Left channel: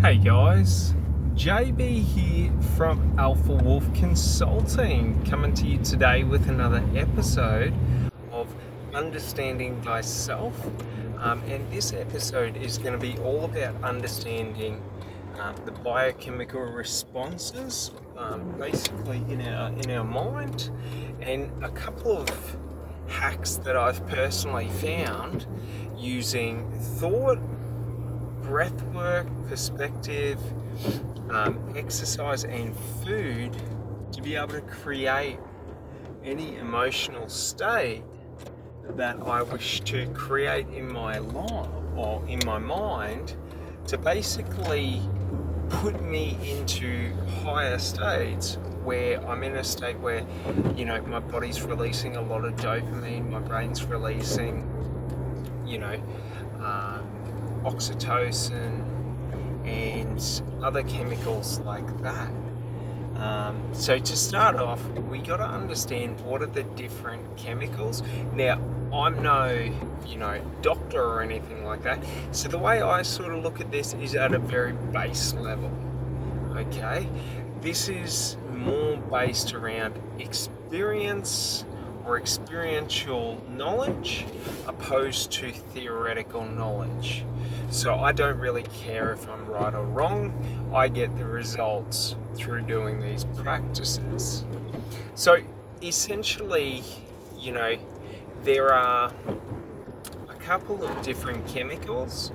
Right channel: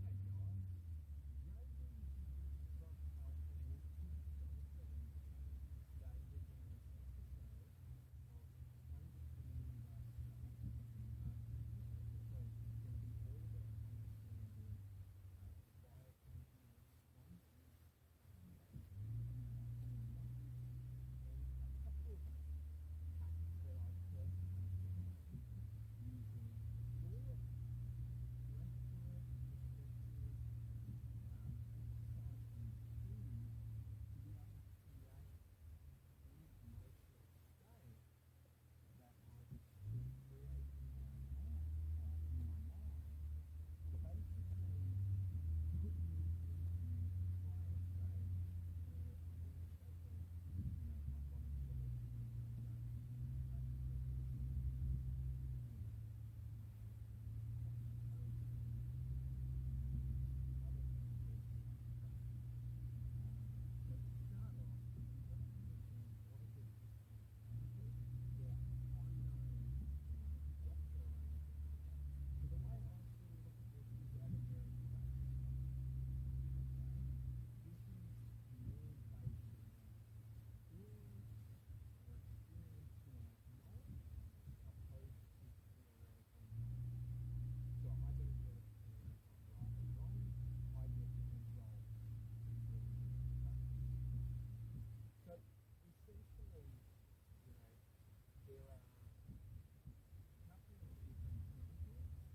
Hey guys, JB here from Alpha Wolf Consulting, coming to you today with another episode of Understanding Thyself. And this episode is going to be all about understanding the biochemical responses, basically in our mind, and a couple of hacks that I've personally found using thought, breathwork, perspective, exercise, and food to be able to create any emotional state that I wish to create in my life or in my mind to basically put me into higher states where I'm in a state where, my body's releasing a lot of dopamine, my brain's releasing, you know, um, oxytocin and other chemicals like that. So to start off, we got to understand what are the different chemicals. Now, I'm no, doctor or anything like that. So the way I sort of look at this is at a very base level. Okay, this is more based around experience or experiential knowledge opposed to theoretical knowledge. So I don't really care if I'm right or wrong. I get the results through doing these practices. So essentially, you know, there are a couple of different chemicals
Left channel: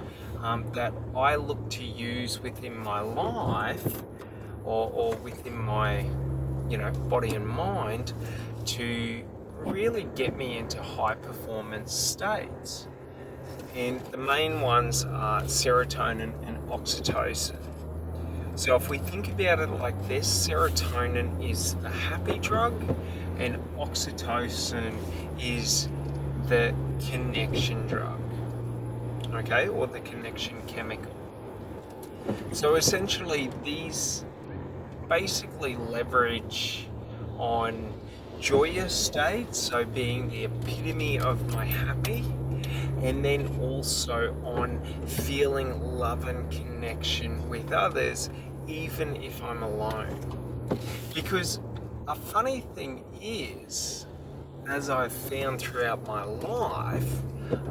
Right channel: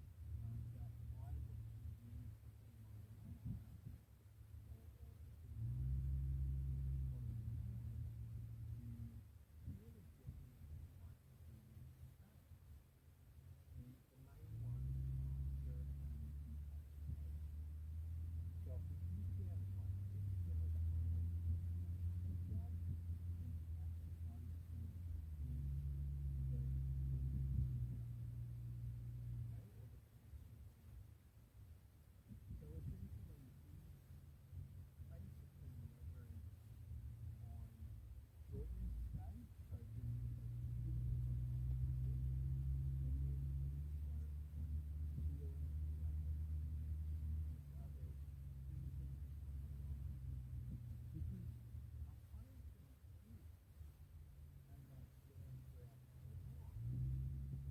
that I look to use within my life or within my, body and mind to really get me into high performance states. And the main ones are serotonin and oxytocin. So if we think about it like this, serotonin is the happy drug and oxytocin is the connection drug, okay, or the connection chemical. So essentially these basically leverage on joyous states, so being the epitome of my happy, and then also on feeling love and connection with others, even if I'm alone. Because a funny thing is, as I've found throughout my life,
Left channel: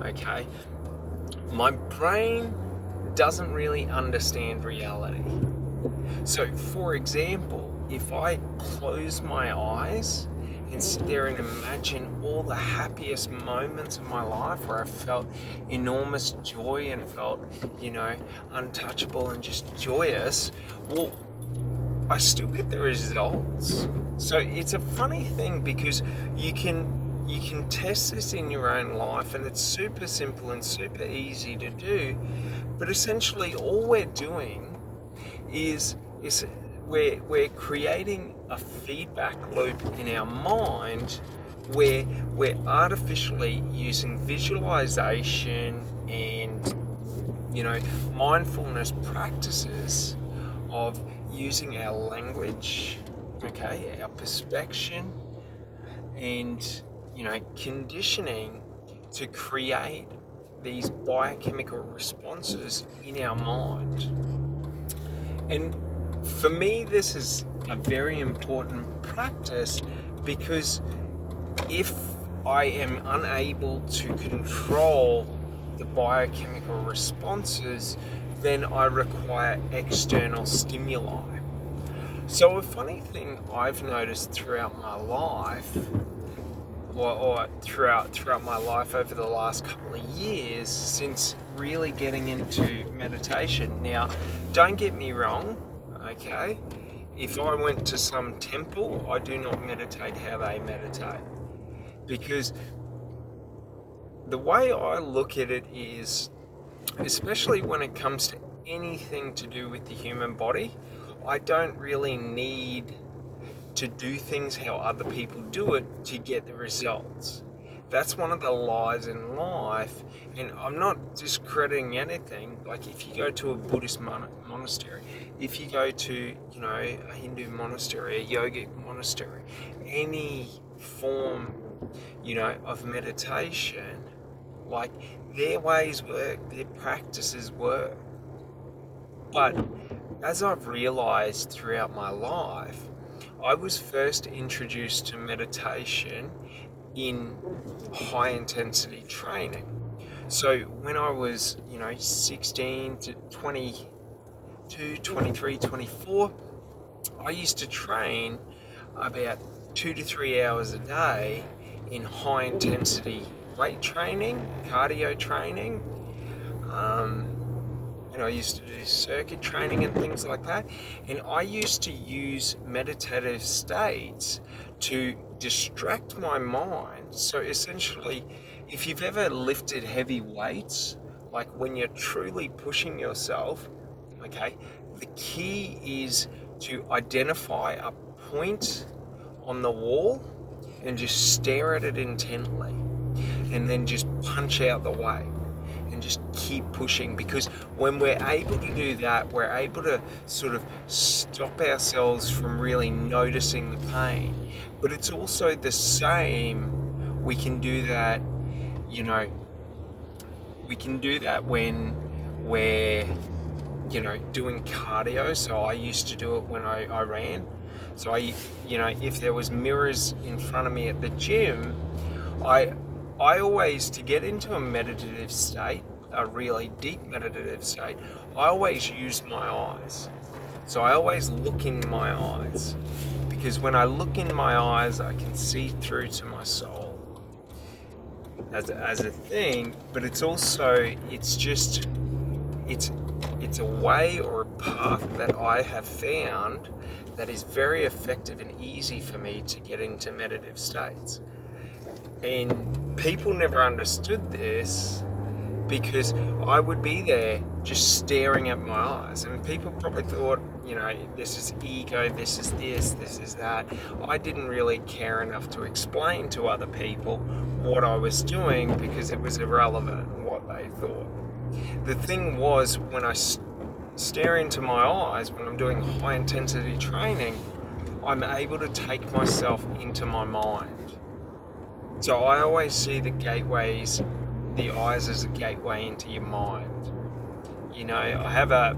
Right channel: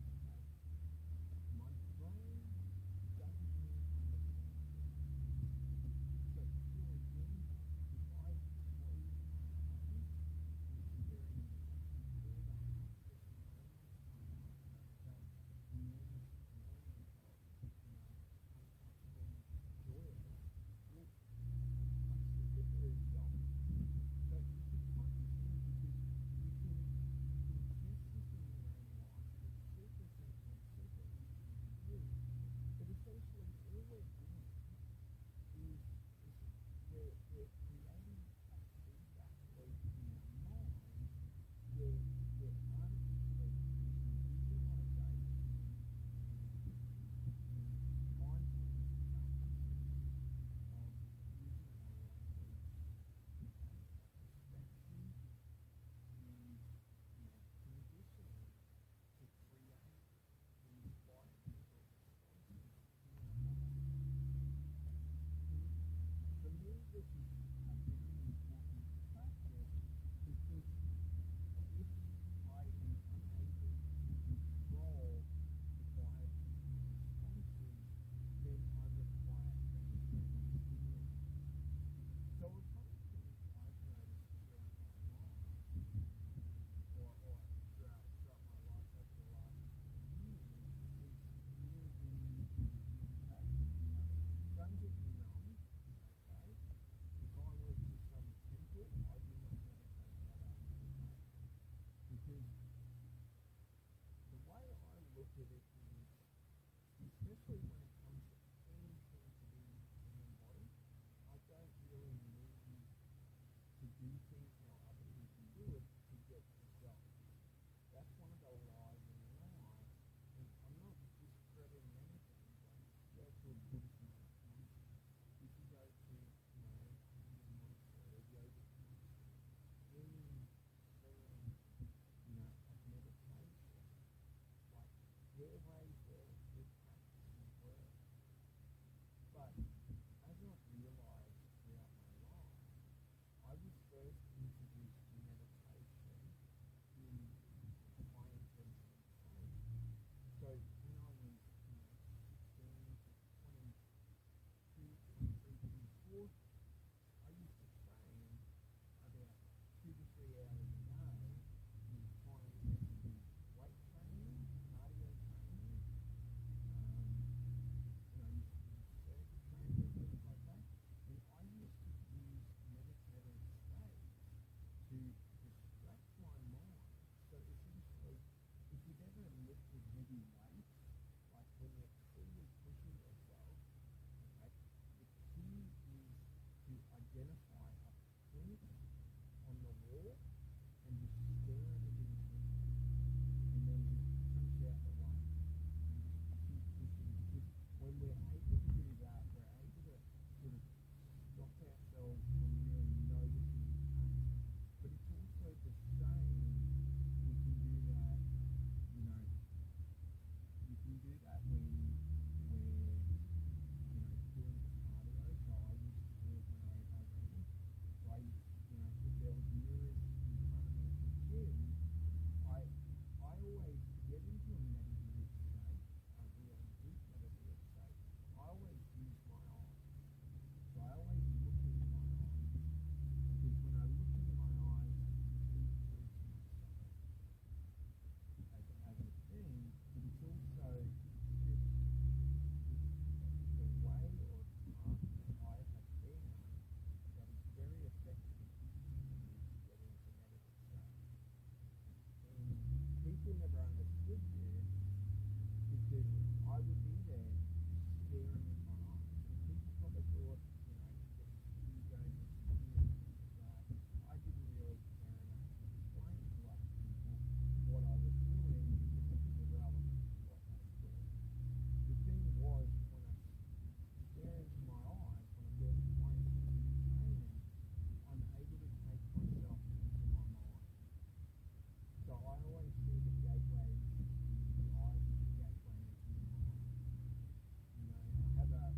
okay, my brain doesn't really understand reality. So, for example, if I close my eyes and sit there and imagine all the happiest moments of my life where I felt enormous joy and felt, untouchable and just joyous, well, I still get the results. So it's a funny thing because you can test this in your own life, and it's super simple and super easy to do. But essentially, all we're doing is we're creating a feedback loop in our mind where we're artificially using visualization and mindfulness practices of using our language, okay, our perspection, and conditioning to create these biochemical responses in our mind. And for me, this is a very important practice because if I am unable to control the biochemical responses, then I require external stimuli. So a funny thing I've noticed throughout my life, or throughout my life over the last couple of years since really getting into meditation. Now, don't get me wrong, okay? If I went to some temple, I do not meditate how they meditate. Because the way I look at it is, especially when it comes to anything to do with the human body, I don't really need to do things how other people do it to get the results. That's one of the lies in life, and I'm not discrediting anything. Like if you go to a Buddhist monastery, if you go to a Hindu monastery, a yogic monastery, any form of meditation, like their ways work, their practices work. But as I've realized throughout my life, I was first introduced to meditation in high intensity training. So when I was, 16 to 22, 23, 24, I used to train about 2 to 3 hours a day in high intensity weight training, cardio training. Um, I used to do circuit training and things like that. And I used to use meditative states to distract my mind. So essentially, if you've ever lifted heavy weights, like when you're truly pushing yourself, okay, the key is to identify a point on the wall and just stare at it intently and then just punch out the weight and just keep pushing, because when we're able to do that, we're able to sort of stop ourselves from really noticing the pain. But it's also the same, we can do that, we can do that when we're, doing cardio. So I used to do it when I ran. So if there was mirrors in front of me at the gym, I always, to get into a meditative state, a really deep meditative state, I always use my eyes. So I always look in my eyes, because when I look in my eyes, I can see through to my soul as a thing. But it's also, it's a way or a path that I have found that is very effective and easy for me to get into meditative states. And people never understood this, because I would be there just staring at my eyes, and people probably thought, this is ego, this is that. I didn't really care enough to explain to other people what I was doing, because it was irrelevant what they thought. The thing was, when I stare into my eyes, when I'm doing high intensity training, I'm able to take myself into my mind. So I always see the eyes as a gateway into your mind. I have a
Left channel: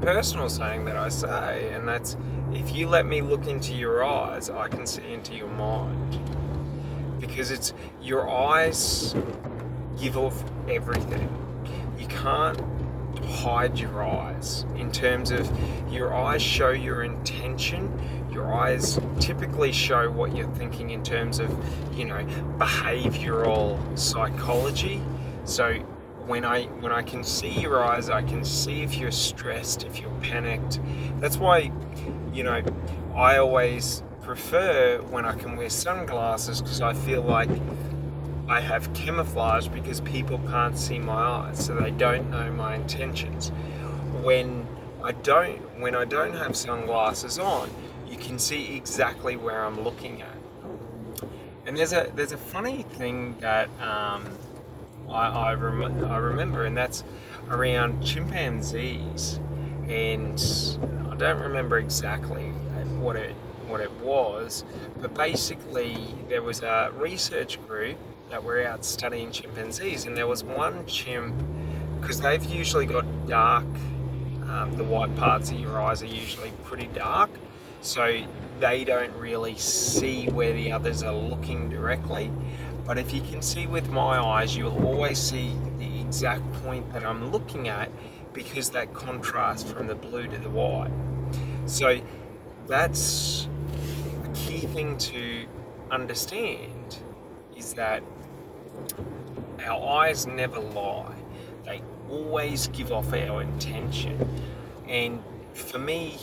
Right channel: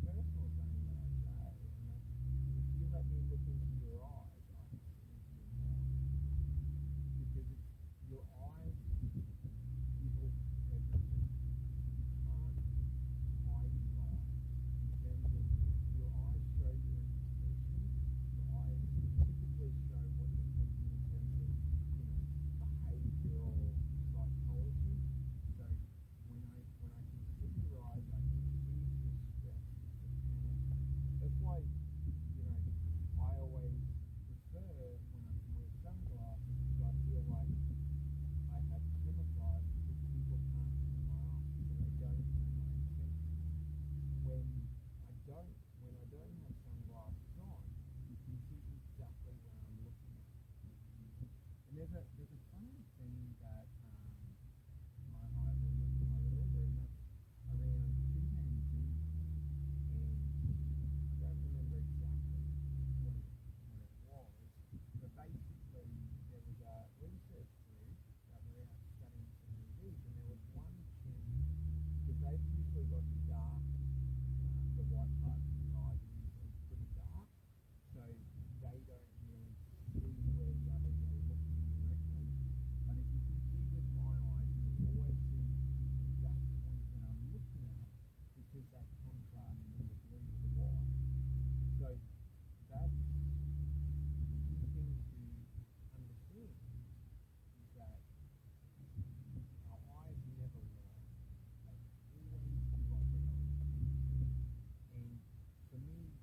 personal saying that I say, and that's, if you let me look into your eyes, I can see into your mind. Because it's, your eyes give off everything. You can't hide your eyes. In terms of, your eyes show your intention. Your eyes typically show what you're thinking in terms of, behavioral psychology. So when I can see your eyes, I can see if you're stressed, if you're panicked. That's why, I always prefer when I can wear sunglasses, because I feel like I have camouflage, because people can't see my eyes, so they don't know my intentions. When I don't have sunglasses on, you can see exactly where I'm looking at. And there's a funny thing that I remember, and that's around chimpanzees. And I don't remember exactly what it was, but basically there was a research group that were out studying chimpanzees, and there was one chimp, because they've usually got dark, the white parts of your eyes are usually pretty dark, so they don't really see where the others are looking directly. But if you can see with my eyes, you'll always see the exact point that I'm looking at, because that contrast from the blue to the white. So that's the key thing to understand, is that our eyes never lie. They always give off our intention. And for me,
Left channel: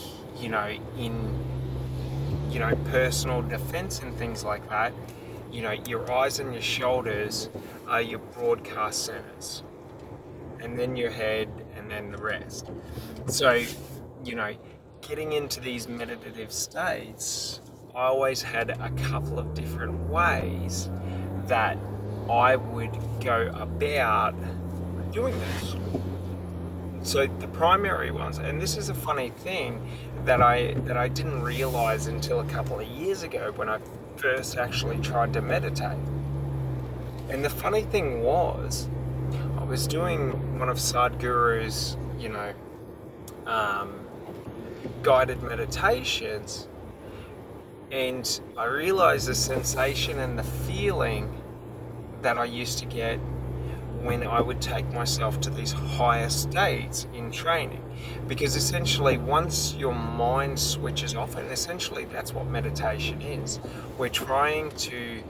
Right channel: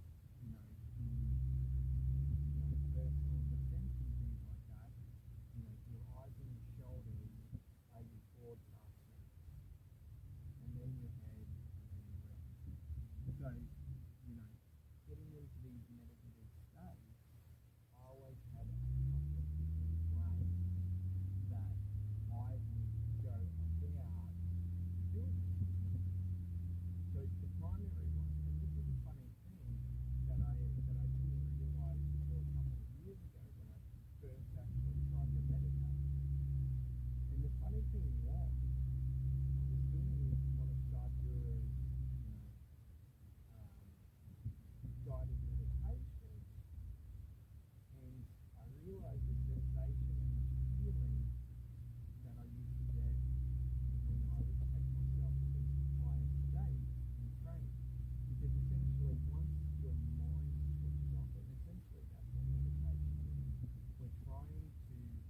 in personal defense and things like that, your eyes and your shoulders are your broadcast centers, and then your head, and then the rest. So, getting into these meditative states, I always had a couple of different ways that I would go about doing this. So the primary ones, and this is a funny thing that I didn't realize until a couple of years ago, when I first actually tried to meditate. And the funny thing was, I was doing one of Sadhguru's, um, guided meditations, and I realized the sensation and the feeling that I used to get when I would take myself to these higher states in training. Because essentially, once your mind switches off, and essentially that's what meditation is, we're trying to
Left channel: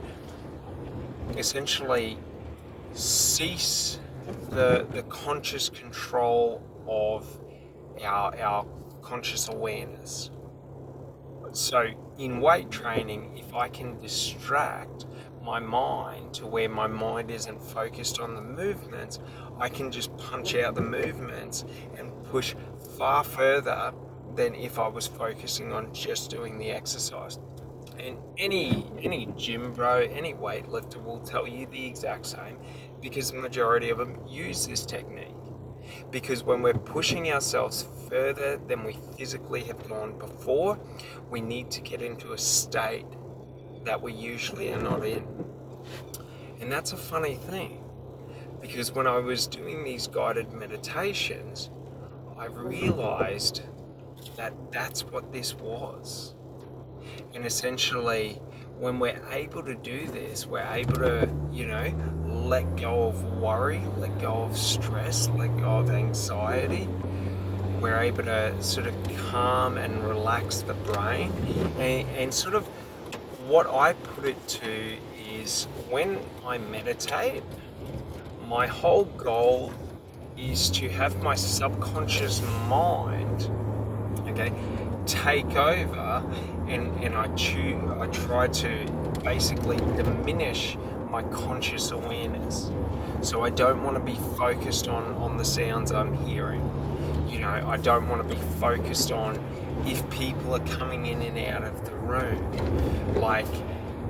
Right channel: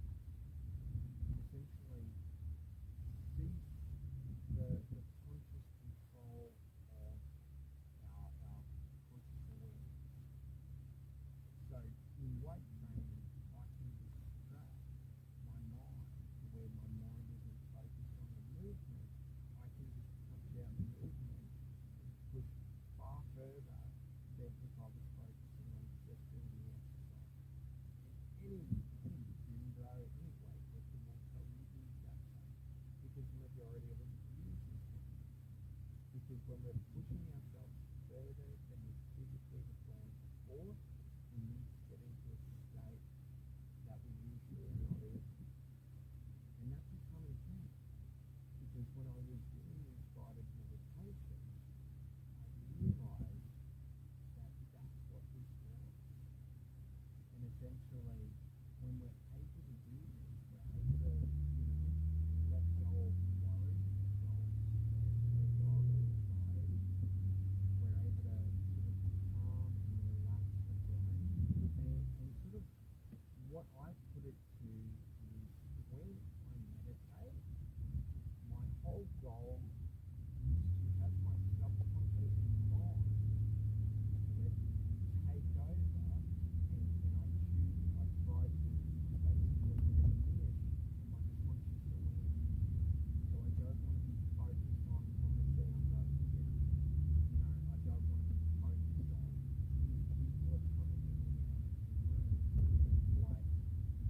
essentially cease the conscious control of our conscious awareness. So in weight training, if I can distract my mind to where my mind isn't focused on the movements, I can just punch out the movements and push far further than if I was focusing on just doing the exercise. And any gym bro, any weightlifter will tell you the exact same, because the majority of them use this technique. Because when we're pushing ourselves further than we physically have gone before, we need to get into a state that we usually are not in. And that's a funny thing, because when I was doing these guided meditations, I realized that that's what this was. And essentially, when we're able to do this, we're able to, let go of worry, let go of stress, let go of anxiety. We're able to sort of calm and relax the brain. And sort of what I put it to is, when I meditate, my whole goal is to have my subconscious mind, okay, take over, and I try to basically diminish my conscious awareness. So I don't want to be focused on the sounds I'm hearing. I don't want to be focused on if people are coming in and out of the room. Like,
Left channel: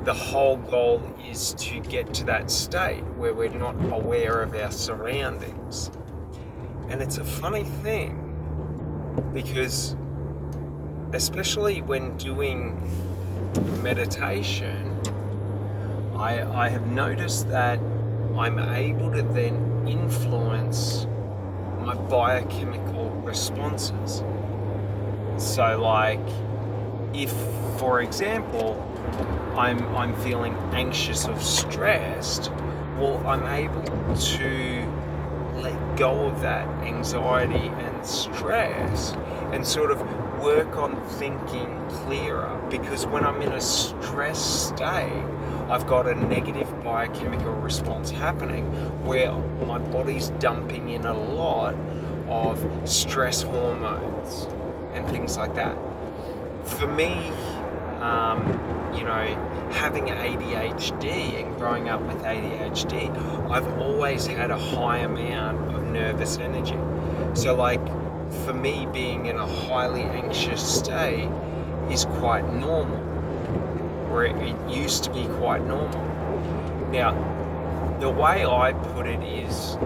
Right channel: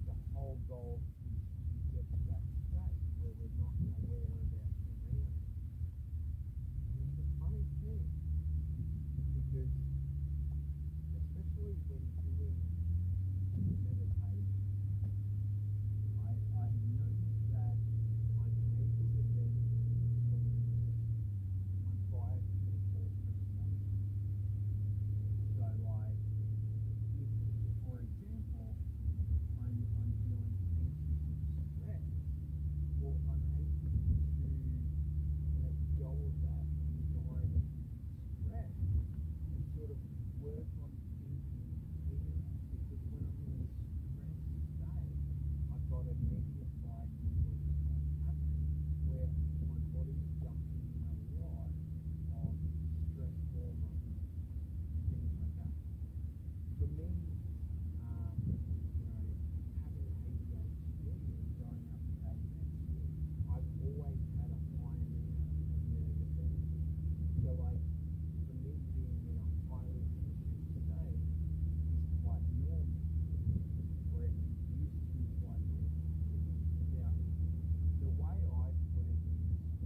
the whole goal is to get to that state where we're not aware of our surroundings. And it's a funny thing, because especially when doing meditation, I have noticed that I'm able to then influence my biochemical responses. So like, if, for example, I'm feeling anxious or stressed, well, I'm able to let go of that anxiety and stress and sort of work on thinking clearer. Because when I'm in a stressed state, I've got a negative biochemical response happening where my body's dumping in a lot of stress hormones and things like that. For me, having ADHD and growing up with ADHD, I've always had a high amount of nervous energy. So like, for me, being in a highly anxious state is quite normal, or it used to be quite normal. Now, the way I put it is,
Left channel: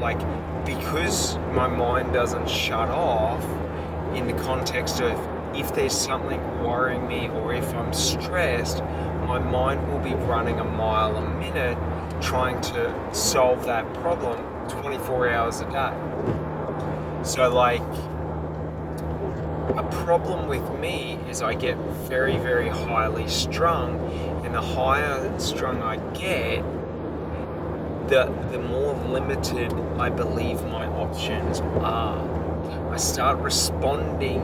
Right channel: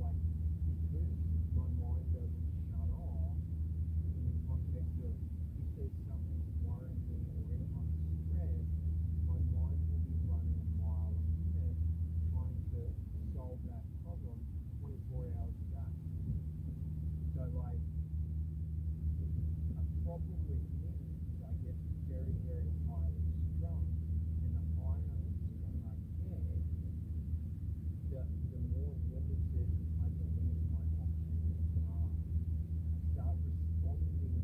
like, because my mind doesn't shut off in the context of, if there's something worrying me or if I'm stressed, my mind will be running a mile a minute trying to solve that problem 24 hours a day. So like, a problem with me is I get very, very highly strung, and the higher strung I get, the more limited I believe my options are. I start responding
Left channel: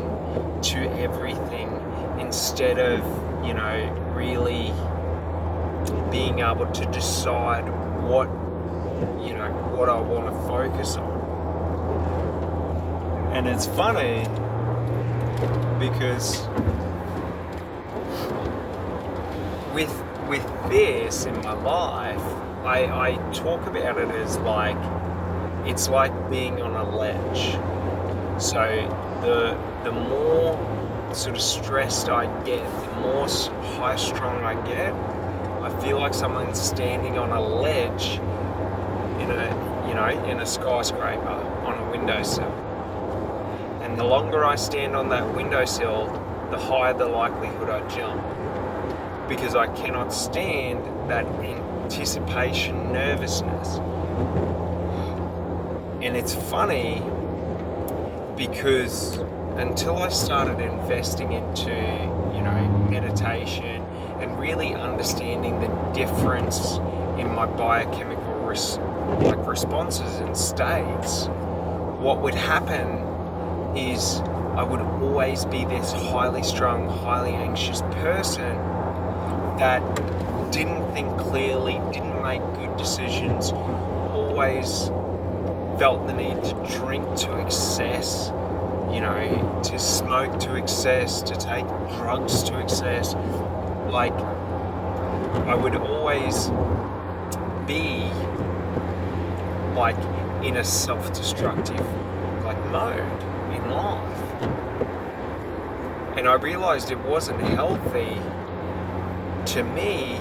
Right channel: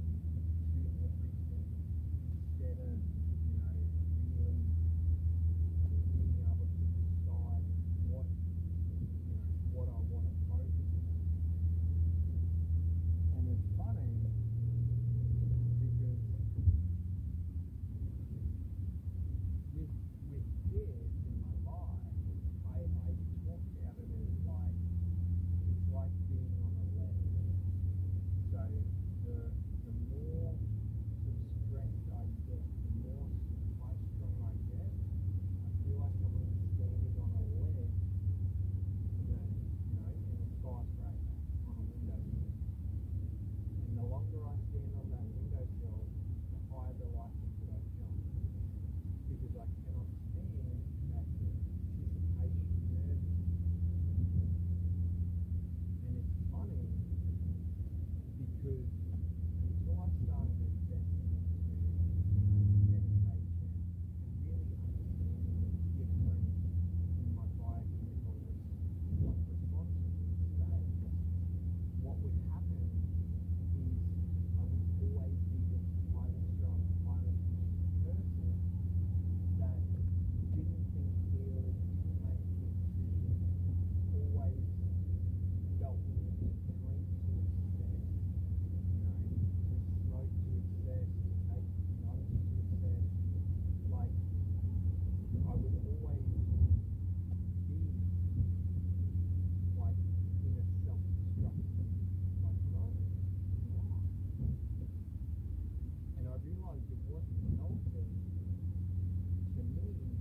to everything instead of, really being able to decide what I want to focus on. And it's funny because with this in my life, I talk about it as like, it's like being on a ledge. So the more sort of stressed I get, the more high strung I get, I feel like someone's standing on a ledge in a skyscraper on a windowsill. And the longer I stand on that windowsill, the higher the likelihood I jump, because I cannot stand that anticipation nervousness. And it's funny because until I started investing into, meditation and really understanding the difference in my biochemical responses and states, what would happen is I would always be this highly strung, highly anxious person that didn't think clearly, didn't make good decisions, always felt the need to drink to excess, to smoke to excess, to take drugs to excess. Like, I would always be like in a self-destructive mode in life. And I realized it wasn't healthy to me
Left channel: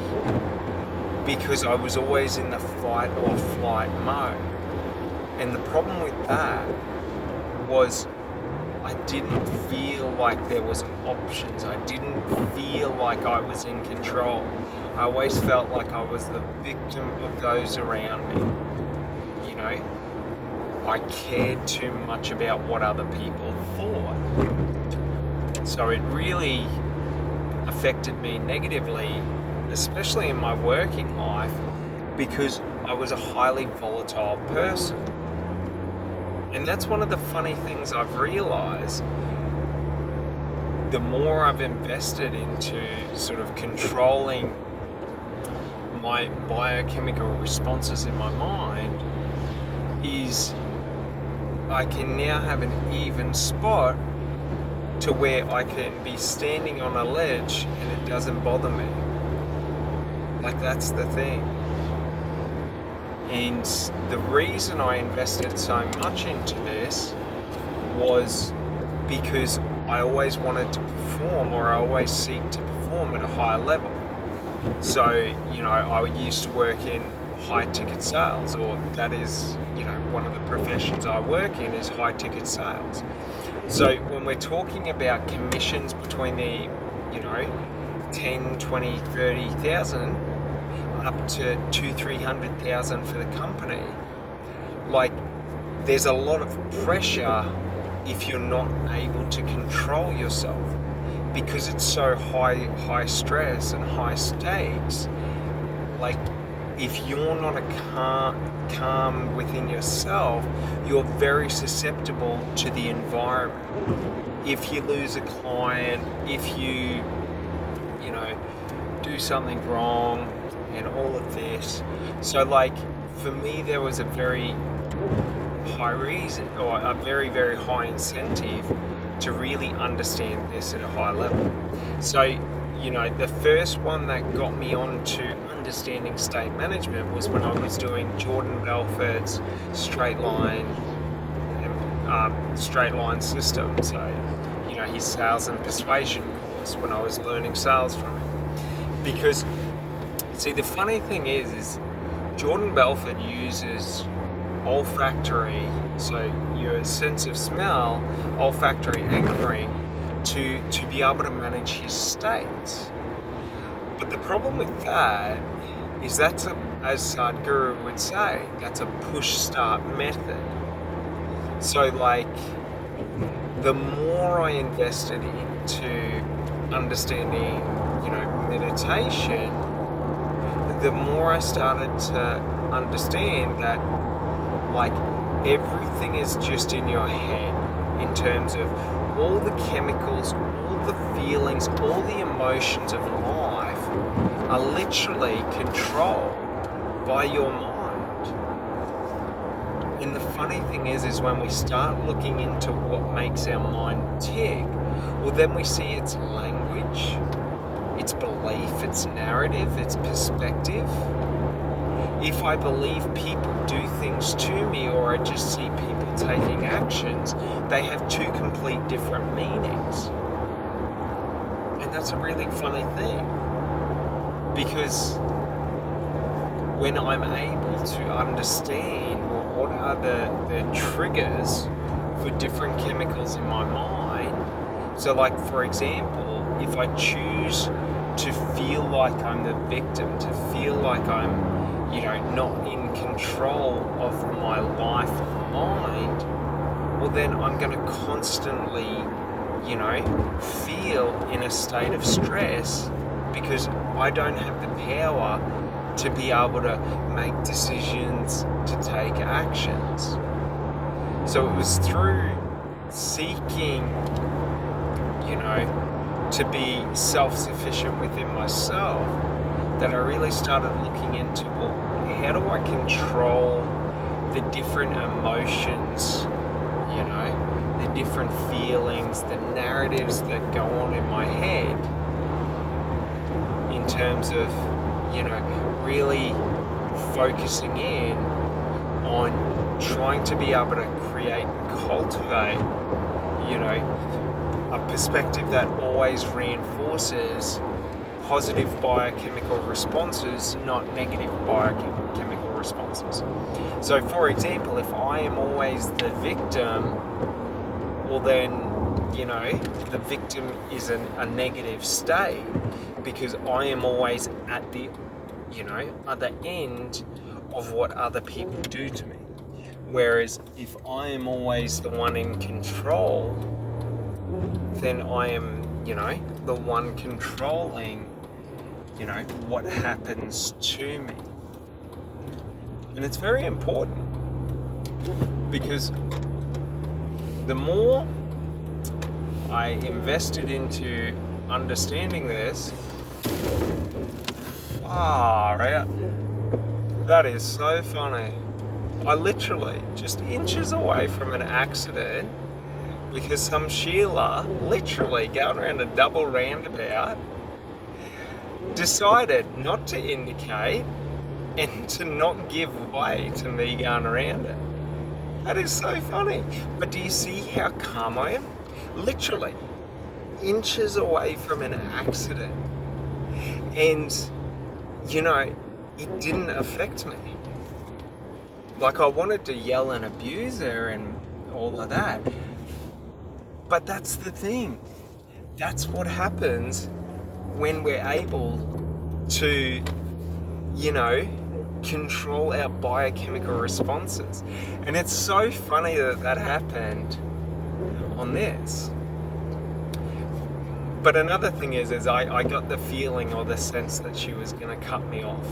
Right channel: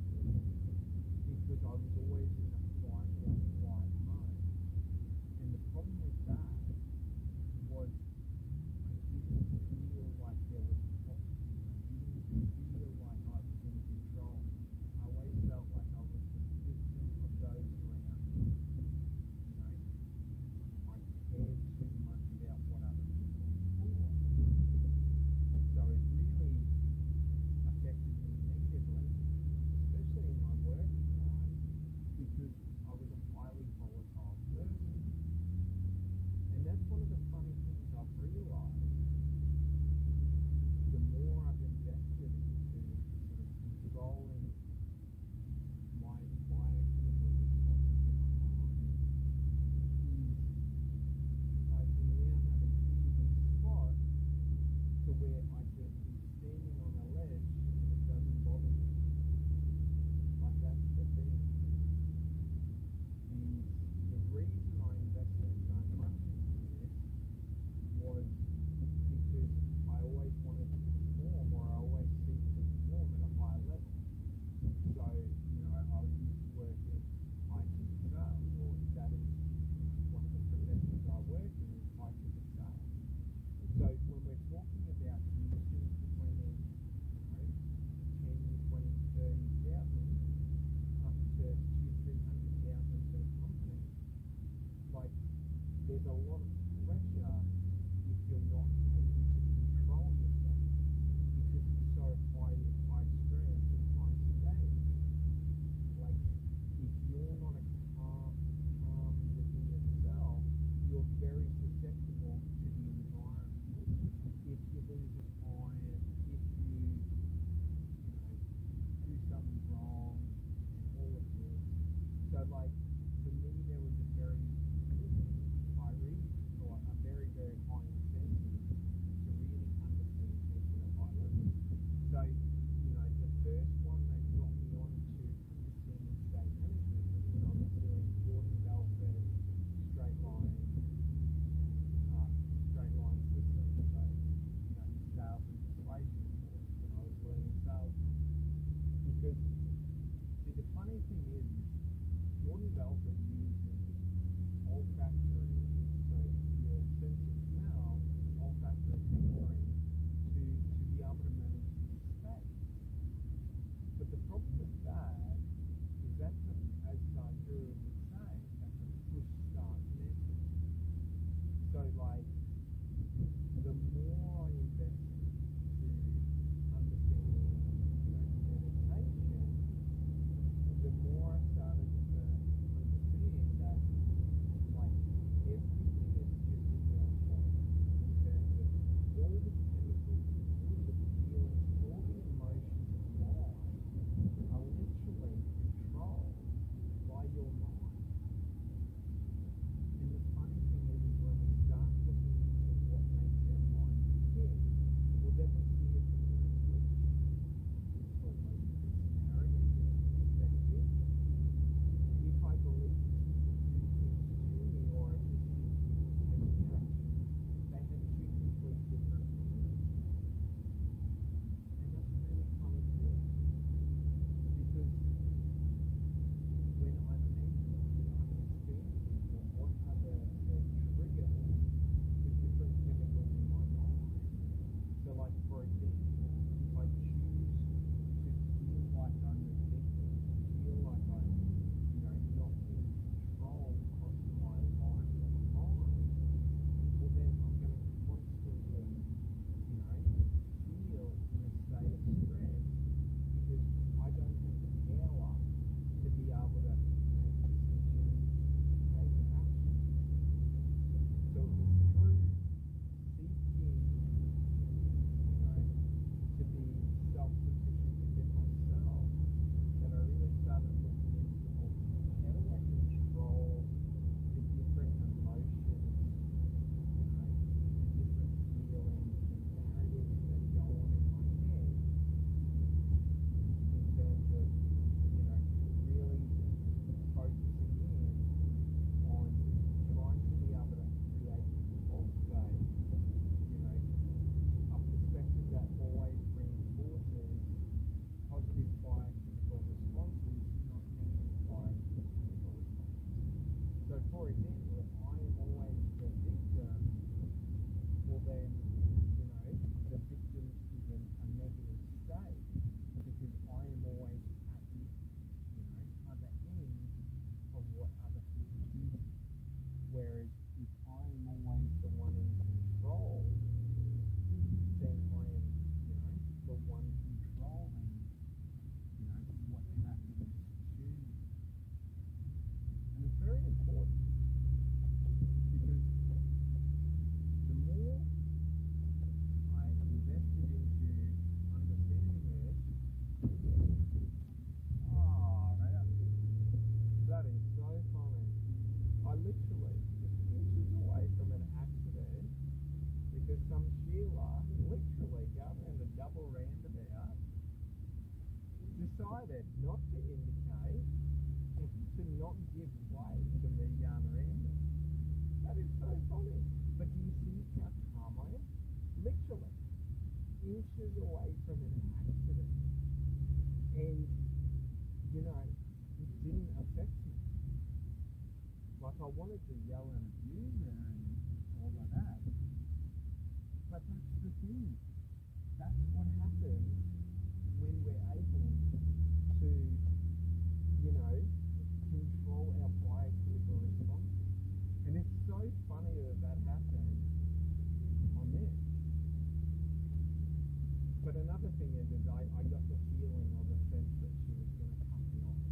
because I was always in the fight or flight mode. And the problem with that was I didn't feel like there was options. I didn't feel like I was in control. I always felt like I was the victim of those around me. I cared too much about what other people thought. So it really affected me negatively, especially in my working life, because I was a highly volatile person. And that's one of the funny things I've realized. The more I've invested into sort of controlling my biochemical responses in my mind, is I can now have an even spot to where I can be standing on a ledge and it doesn't bother me. That's the thing. And the reason I invested so much into this was because I always wanted to perform, or I always seek to perform at a higher level. So, I used to work in high ticket sales, or that is, one of the professions I work in is high ticket sales. So when we're talking about commissions between the, 10, 20, 30,000 up to 200,000-300,000 for the company, there's a lot of pressure if you're not able to control yourself, because it's so high stress and high stakes. If you're not calm within yourself, you're very susceptible to the environment. If you lose a client, if you do something wrong, and all of this. So for me, there was a very high reason, or a very, very high incentive to really understand this at a high level. So, the first one that got me on to understanding state management was when I was doing Jordan Belfort's straight line system. So, his sales and persuasion course, when I was learning sales from him. Because, see, the funny thing is Jordan Belfort uses olfactory, so your sense of smell, olfactory anchoring, to be able to manage his states. But the problem with that is as Sadhguru would say, that's a push-start method. So the more I invested into understanding, meditation, the more I started to understand that everything is just in your head, in terms of all the chemicals, all the feelings, all the emotions of life are literally controlled by your mind. And the funny thing is when we start looking into what makes our mind tick, well, then we see its language, its belief, its narrative, its perspective. If I believe people do things to me, or I just see people taking actions, they have two complete different meanings. And that's a really funny thing, because when I'm able to understand what are the triggers for different chemicals in my mind, so for example, if I choose to feel like I'm the victim, to feel like I'm not in control of my life or mind, well then I'm going to constantly, feel in a state of stress because I don't have the power to be able to make decisions, to take actions. So it was through seeking, to be self-sufficient within myself that I really started looking into, well, how do I control the different emotions, the different feelings, the narratives that go on in my head in terms of, really focusing in on trying to be able to create, cultivate, a perspective that always reinforces positive biochemical responses, not negative biochemical responses. So, for example, if I am always the victim, well then, the victim is a negative state because I am always at the, other end of what other people do to me. Whereas if I am always the one in control, then I am, the one controlling, what happens to me. And it's very important because the more I invested into understanding this, far out. That is so funny. I literally just inches away from an accident because some Sheila, literally going around a double roundabout, decided not to indicate and to not give way to me going around it. That is so funny. But do you see how calm I am? Literally inches away from an accident. And, it didn't affect me. Like, I wanted to yell and abuse her and all of that. But that's the thing. That's what happens when we're able to, control our biochemical responses. And it's so funny that happened on this. But another thing is I got the feeling or the sense that she was going to cut me off.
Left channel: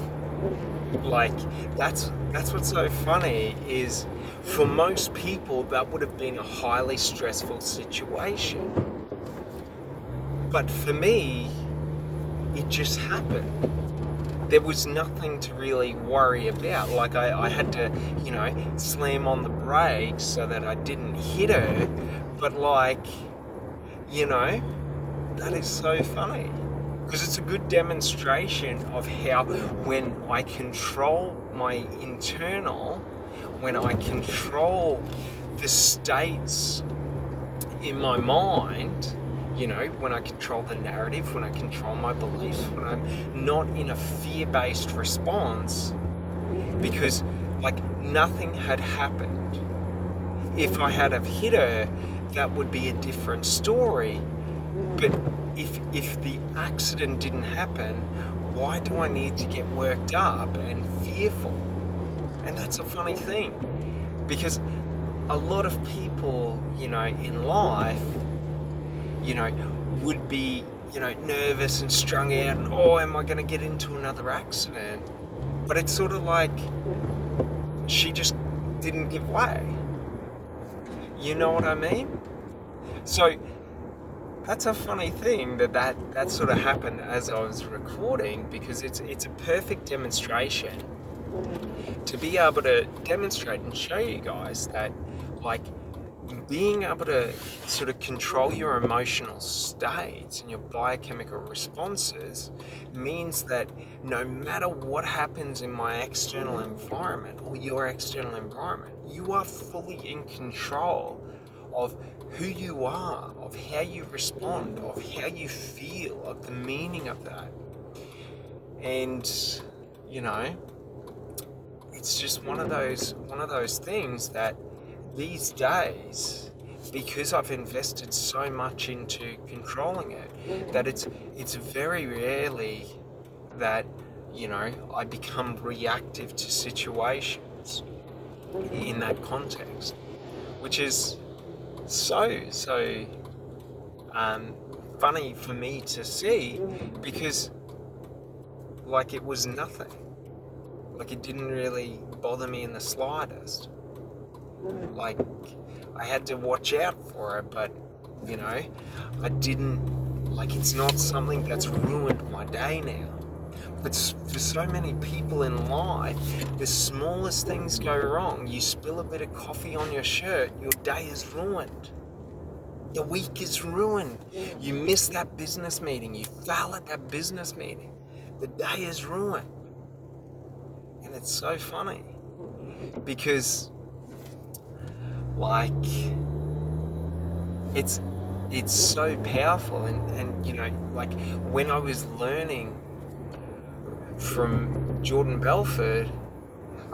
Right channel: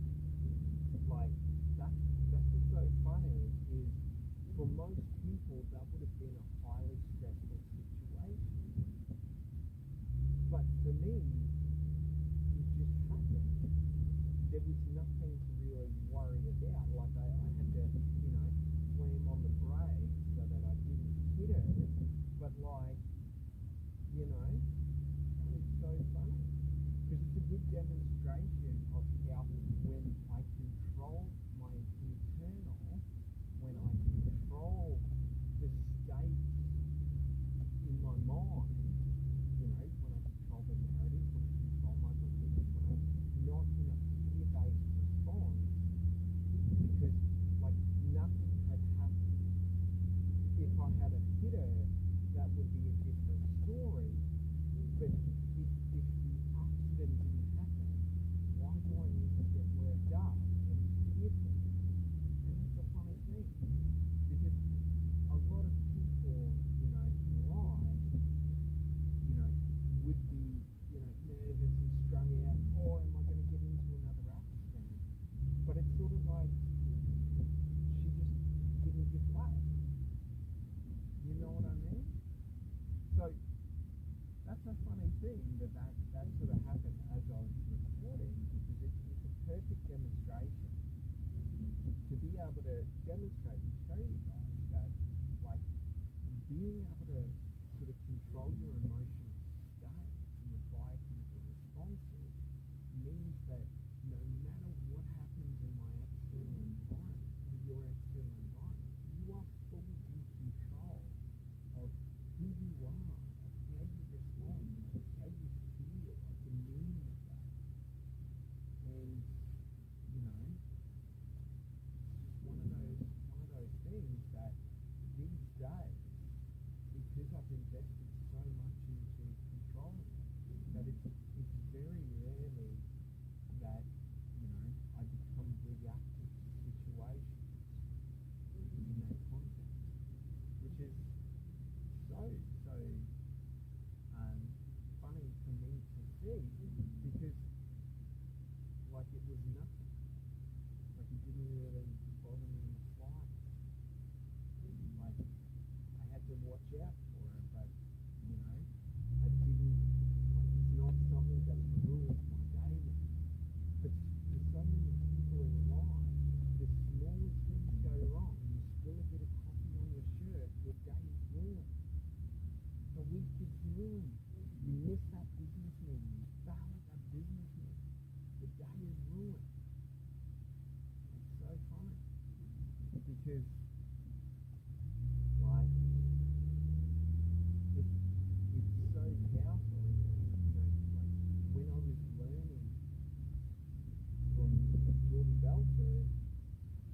Like, that's what's so funny is for most people that would have been a highly stressful situation. But for me, it just happened. There was nothing to really worry about. Like, I had to, slam on the brakes so that I didn't hit her. But that is so funny. Because it's a good demonstration of how when I control my internal, when I control the states in my mind, when I control the narrative, when I control my beliefs, when I'm not in a fear-based response, because nothing had happened. If I had have hit her, that would be a different story. But if the accident didn't happen, why do I need to get worked up and fearful? And that's a funny thing, because a lot of people, in life, would be, nervous and strung out and, am I going to get into another accident? But it's sort of like she just didn't give way. You know what I mean? So that's a funny thing that sort of happened as I was recording, because it's a perfect demonstration to be able to demonstrate and show you guys that being able to sort of control your emotional states and your biochemical responses means that no matter what happens in my external environment or your external environment, you are fully in control of who you are, of how you respond, of how you feel, of the meaning of that. And it's just one of those things that these days, because I've invested so much into controlling it, that it's very rarely that I become reactive to situations in that context, which is so um, funny for me to see, because like it was nothing. Like it didn't really bother me in the slightest. Like I had to watch out for it, but you know, I didn't, like it's not something that's ruined my day now. But for so many people in life, the smallest things go wrong. You spill a bit of coffee on your shirt, your day is ruined. Your week is ruined. You miss that business meeting, you fail at that business meeting. The day is ruined. And it's so funny because like it's so powerful, and you know, like when I was learning from Jordan Belford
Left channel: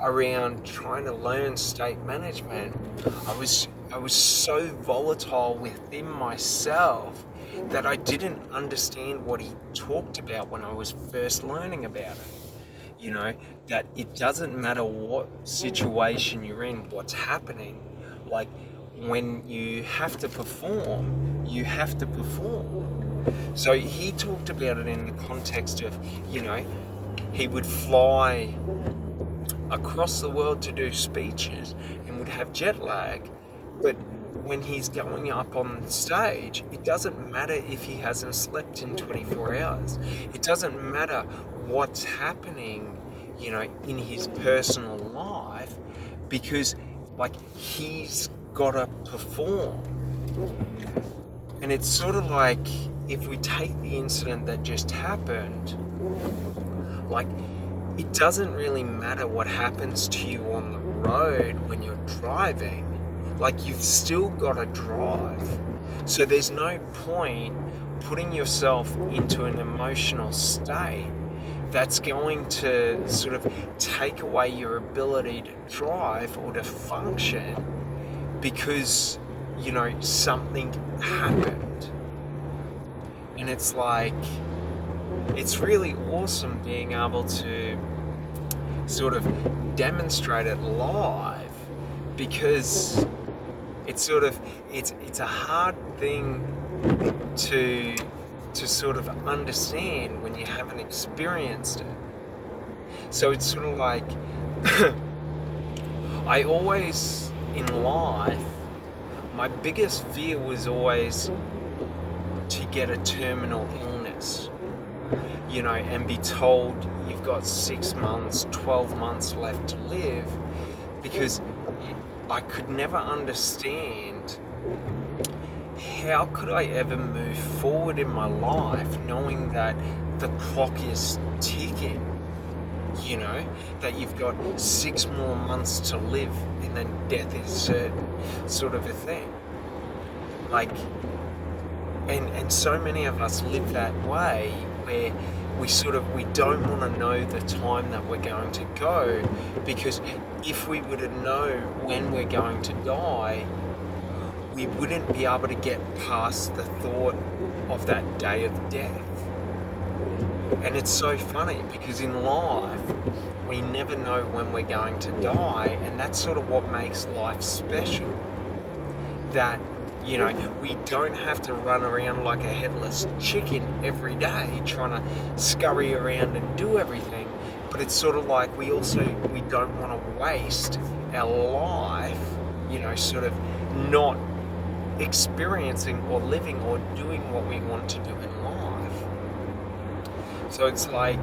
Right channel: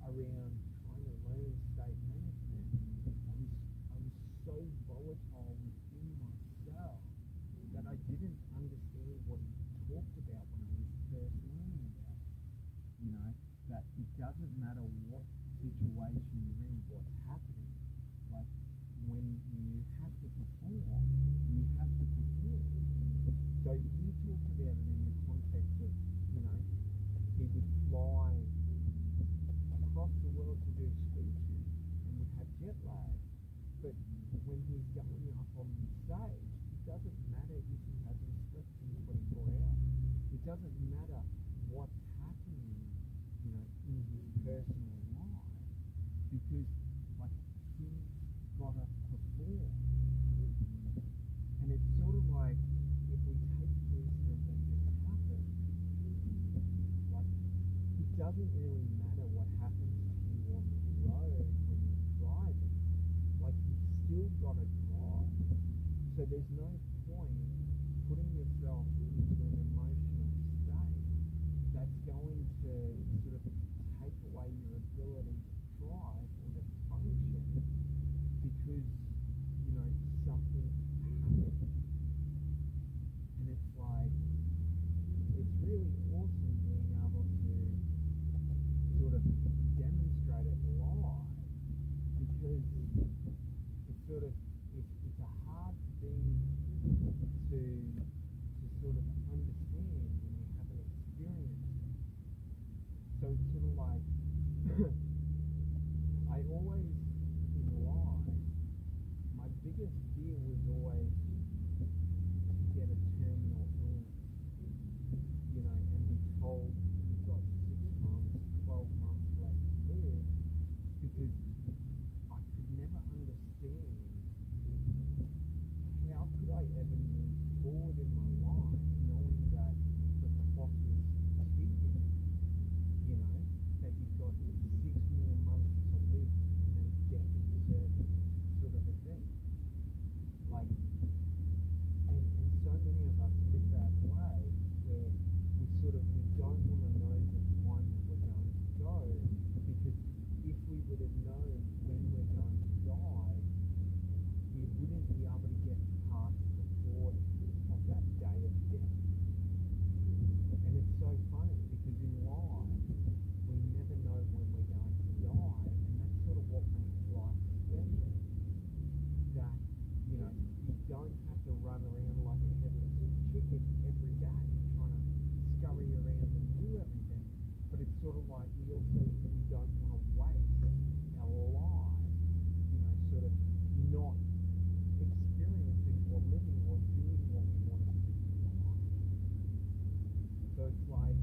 around trying to learn state management, I was so volatile within myself that I didn't understand what he talked about when I was first learning about it. You know, that it doesn't matter what situation you're in, what's happening. Like when you have to perform, you have to perform. So he talked about it in the context of, you know, he would fly across the world to do speeches and would have jet lag, but when he's going up on stage, it doesn't matter if he hasn't slept in 24 hours. It doesn't matter what's happening, you know, in his personal life, because like he's got to perform. And it's sort of like, if we take the incident that just happened, like it doesn't really matter what happens to you on the road when you're driving. Like you've still got to drive. So there's no point putting yourself into an emotional state that's going to sort of take away your ability to drive or to function because, you know, something happened. And it's like, it's really awesome being able to sort of demonstrate it live, because it's sort of, it's a hard thing to sort of understand when you haven't experienced it. So it's sort of like I always in life, my biggest fear was always to get a terminal illness, you know, and be told you've got 6 months, 12 months left to live, because I could never understand how could I ever move forward in my life knowing that the clock is ticking, you know, that you've got 6 more months to live and then death is certain, sort of a thing. Like, and so many of us live that way, where we don't want to know the time that we're going to go, because if we were to know when we're going to die, we wouldn't be able to get past the thought of that day of death. And it's so funny because in life we never know when we're going to die, and that's sort of what makes life special. That, you know, we don't have to run around like a headless chicken every day trying to scurry around and do everything, but it's sort of like we don't want to waste our life, you know, sort of not experiencing or living or doing what we want to do in life. So it's like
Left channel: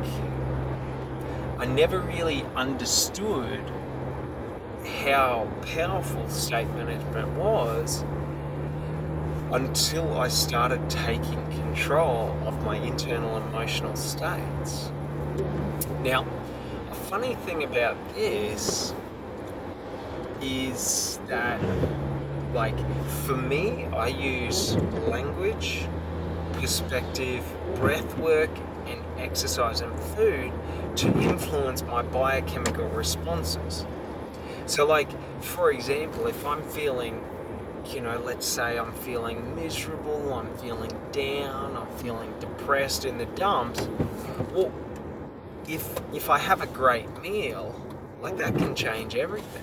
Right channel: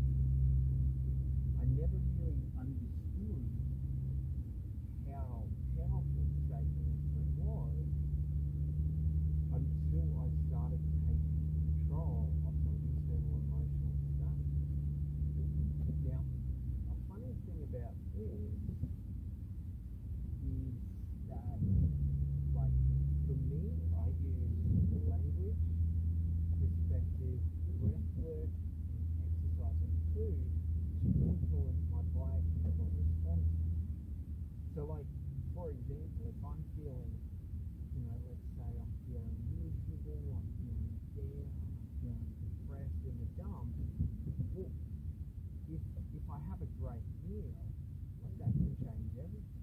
I never really understood how powerful state management was until I started taking control of my internal emotional states. Now, a funny thing about this is that, like, for me, I use language, perspective, breath work, and exercise and food to influence my biochemical responses. So, like, for example, if I'm feeling, you know, let's say I'm feeling miserable, I'm feeling down, I'm feeling depressed in the dumps, well, if I have a great meal, like, that can change everything.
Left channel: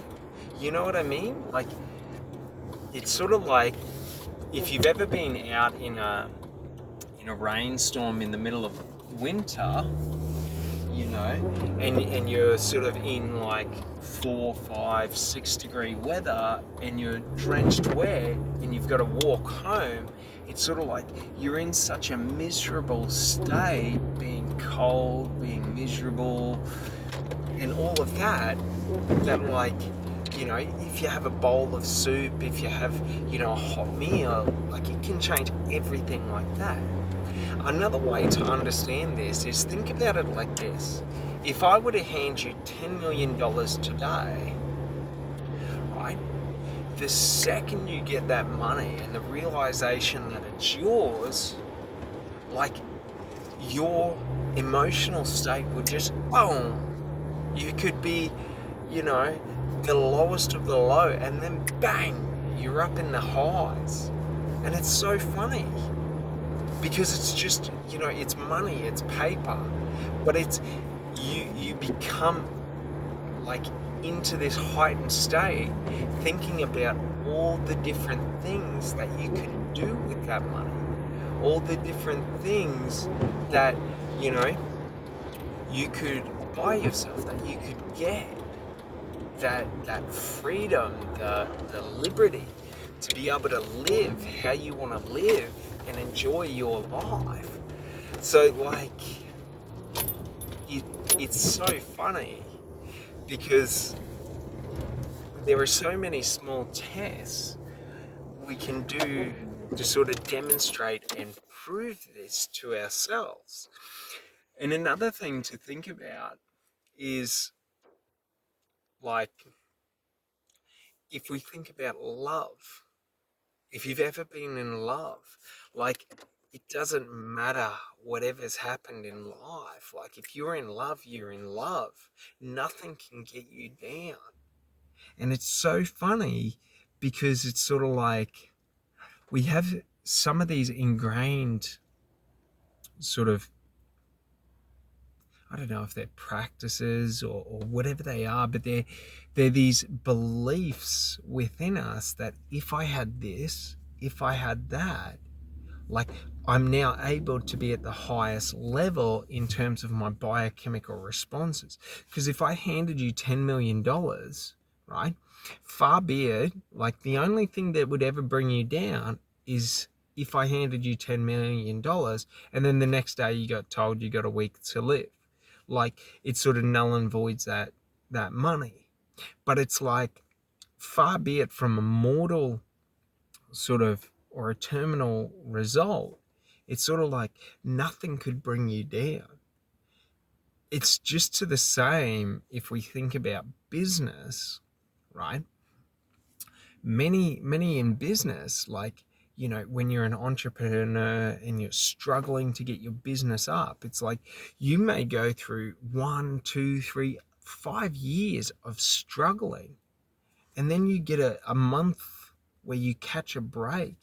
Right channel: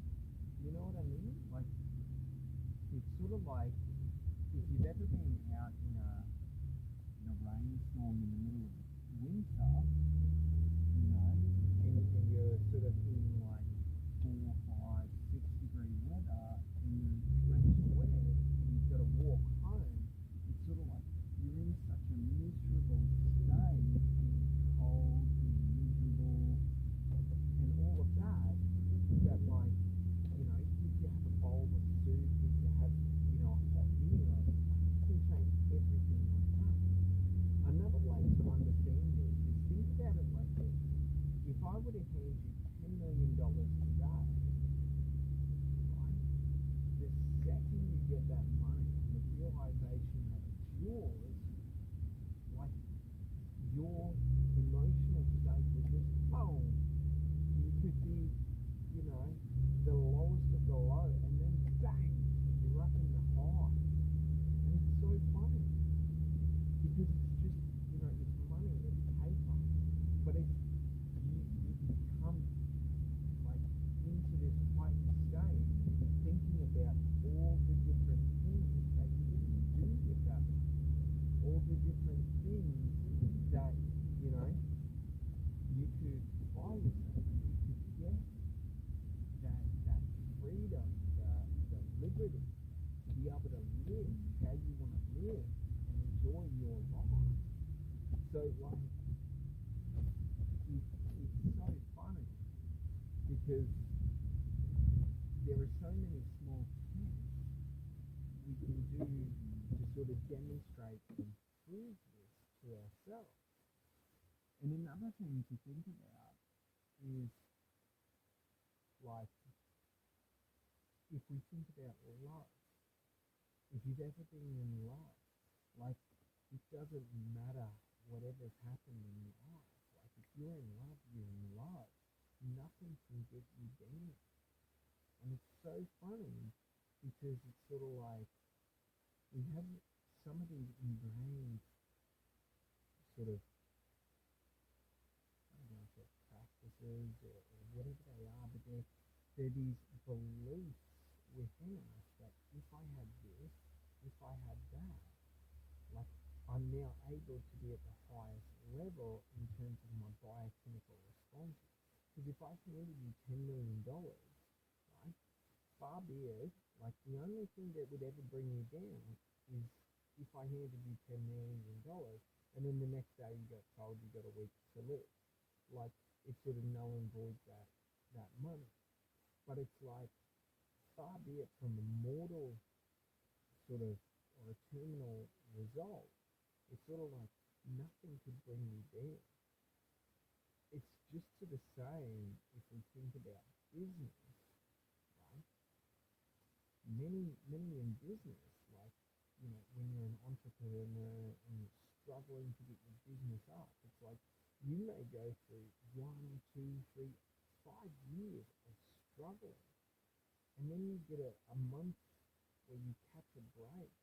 You know what I mean? Like, it's sort of like if you've ever been out in a rainstorm in the middle of winter, you know, and you're sort of in like 4, 5, 6 degree weather, and you're drenched wet, and you've got to walk home. It's sort of like you're in such a miserable state, being cold, being miserable, and all of that. That like, you know, if you have a bowl of soup, if you have, you know, a hot meal, like it can change everything like that. Another way to understand this is think about it like this. If I were to hand you $10 million today, right, the second you get that money and the realization that it's yours, like your emotional state would just boom. You could be, you know, the lowest of the low, and then bang, you're up in the highs. And it's so funny because it's just, you know, it's money, it's paper, but it's you become like into this heightened state, thinking about all the different things that you can do with that money, all the different things that, you know, you could buy yourself, that you could get, that freedom, the liberty to be able to live how you want to live and enjoy your life. So like it, it's so funny because there are so many small tests we can do to sort of demonstrate and prove this to ourselves. And another thing to think about is like if we think about love, if you've ever been in love, like it doesn't matter whatever's happened in life. Like if you're in love, you're in love. Nothing can get you down. And it's so funny because it's sort of like we have some of these ingrained sort of, I don't know if they're practices or whatever they are, but they're these beliefs within us that if I had this, if I had that, like I'm now able to be at the highest level in terms of my biochemical responses. Because if I handed you $10 million, right, far be it, like the only thing that would ever bring you down is if I handed you $10 million and then the next day you got told you got a week to live. Like it sort of null and voids that money. But it's like far be it from a mortal sort of or a terminal result, it's sort of like nothing could bring you down. It's just to the same if we think about business, right? Many in business, like, you know, when you're an entrepreneur and you're struggling to get your business up, it's like you may go through 1, 2, 3, 5 years of struggling, and then you get a month where you catch a break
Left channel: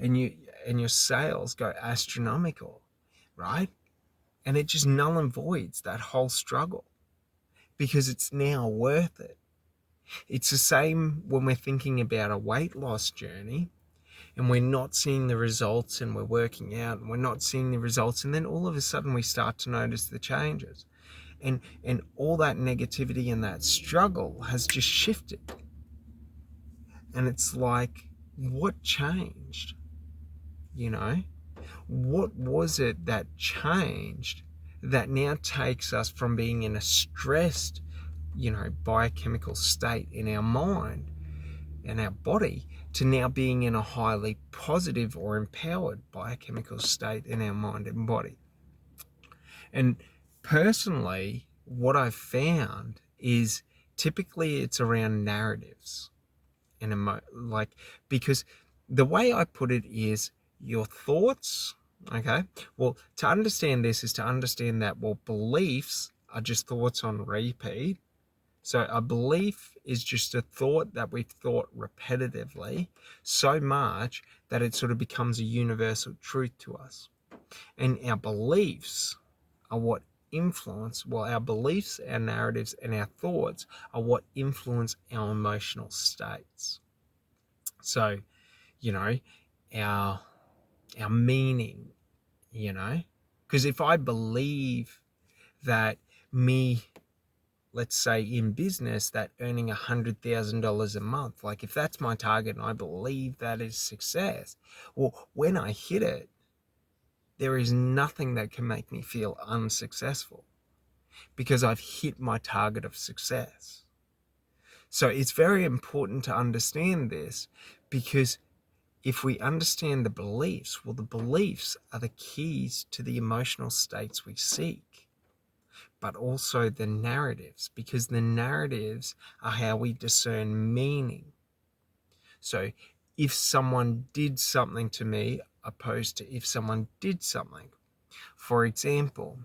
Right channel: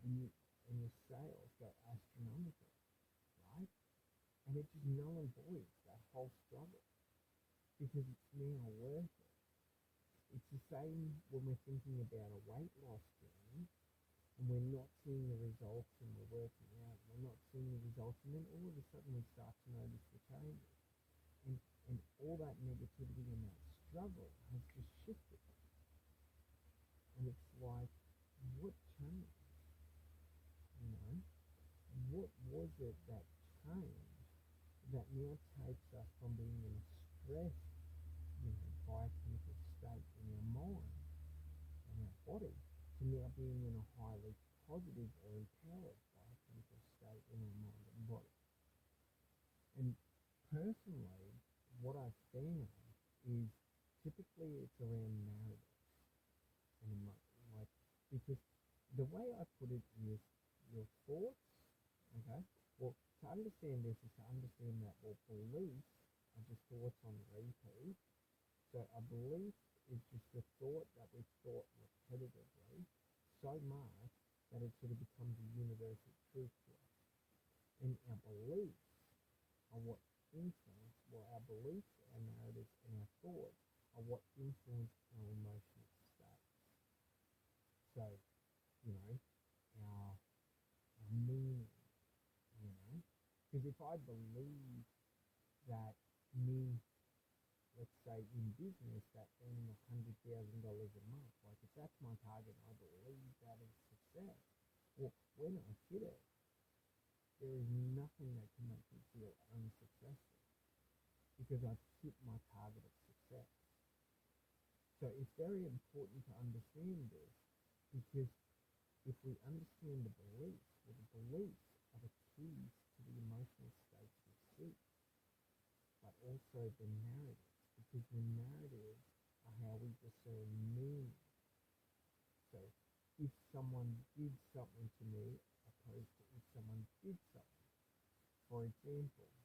and your sales go astronomical, right? And it just null and voids that whole struggle because it's now worth it. It's the same when we're thinking about a weight loss journey and we're not seeing the results, and we're working out and we're not seeing the results, and then all of a sudden we start to notice the changes, and all that negativity and that struggle has just shifted. And it's like, what changed? You know, what was it that changed that now takes us from being in a stressed, you know, biochemical state in our mind and our body to now being in a highly positive or empowered biochemical state in our mind and body? And personally, what I've found is typically it's around narratives and like, because the way I put it is your thoughts. Okay, well, to understand this is to understand that, well, beliefs are just thoughts on repeat. So a belief is just a thought that we've thought repetitively so much that it sort of becomes a universal truth to us. And our beliefs are what influence, well, our beliefs, our narratives, and our thoughts are what influence our emotional states. So, you know, our meaning, you know? Because if I believe that me, let's say in business, that earning $100,000 a month, like if that's my target and I believe that is success, well, when I hit it, there is nothing that can make me feel unsuccessful because I've hit my target of success. So it's very important to understand this, because if we understand the beliefs, well, the beliefs are the keys to the emotional states we seek, but also the narratives, because the narratives are how we discern meaning. So if someone did something to me, opposed to if someone did something. For example,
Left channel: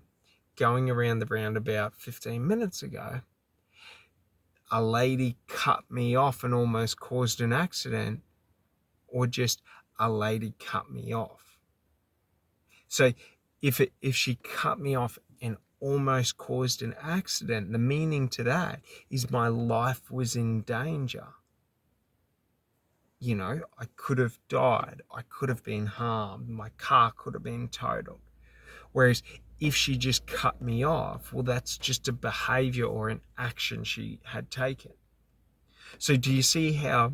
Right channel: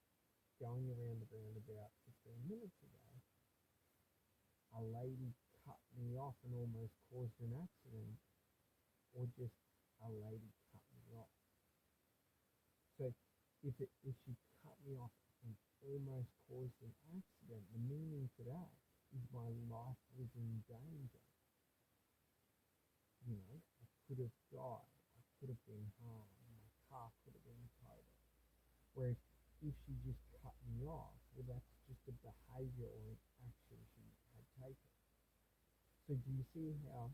going around the roundabout 15 minutes ago, a lady cut me off and almost caused an accident, or just a lady cut me off. So if she cut me off and almost caused an accident, the meaning to that is my life was in danger. You know, I could have died, I could have been harmed, my car could have been totaled. Whereas if she just cut me off, well, that's just a behavior or an action she had taken. So do you see how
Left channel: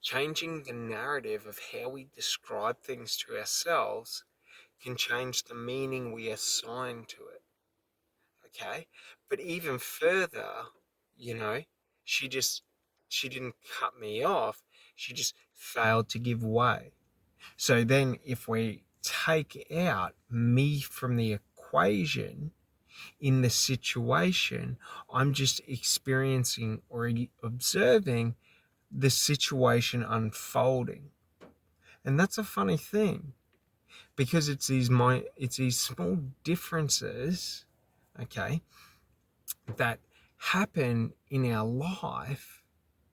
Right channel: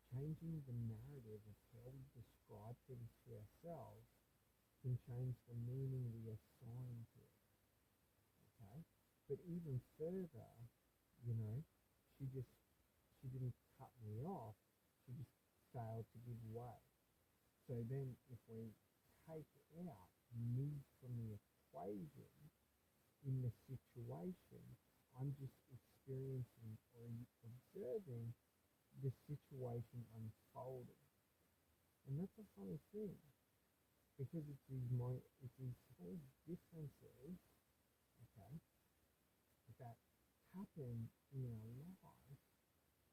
changing the narrative of how we describe things to ourselves can change the meaning we assign to it? Okay. But even further, you know, she just, she didn't cut me off. She just failed to give way. So then if we take out me from the equation in the situation, I'm just experiencing or observing the situation unfolding. And that's a funny thing, because it's these small differences, okay, that happen in our life,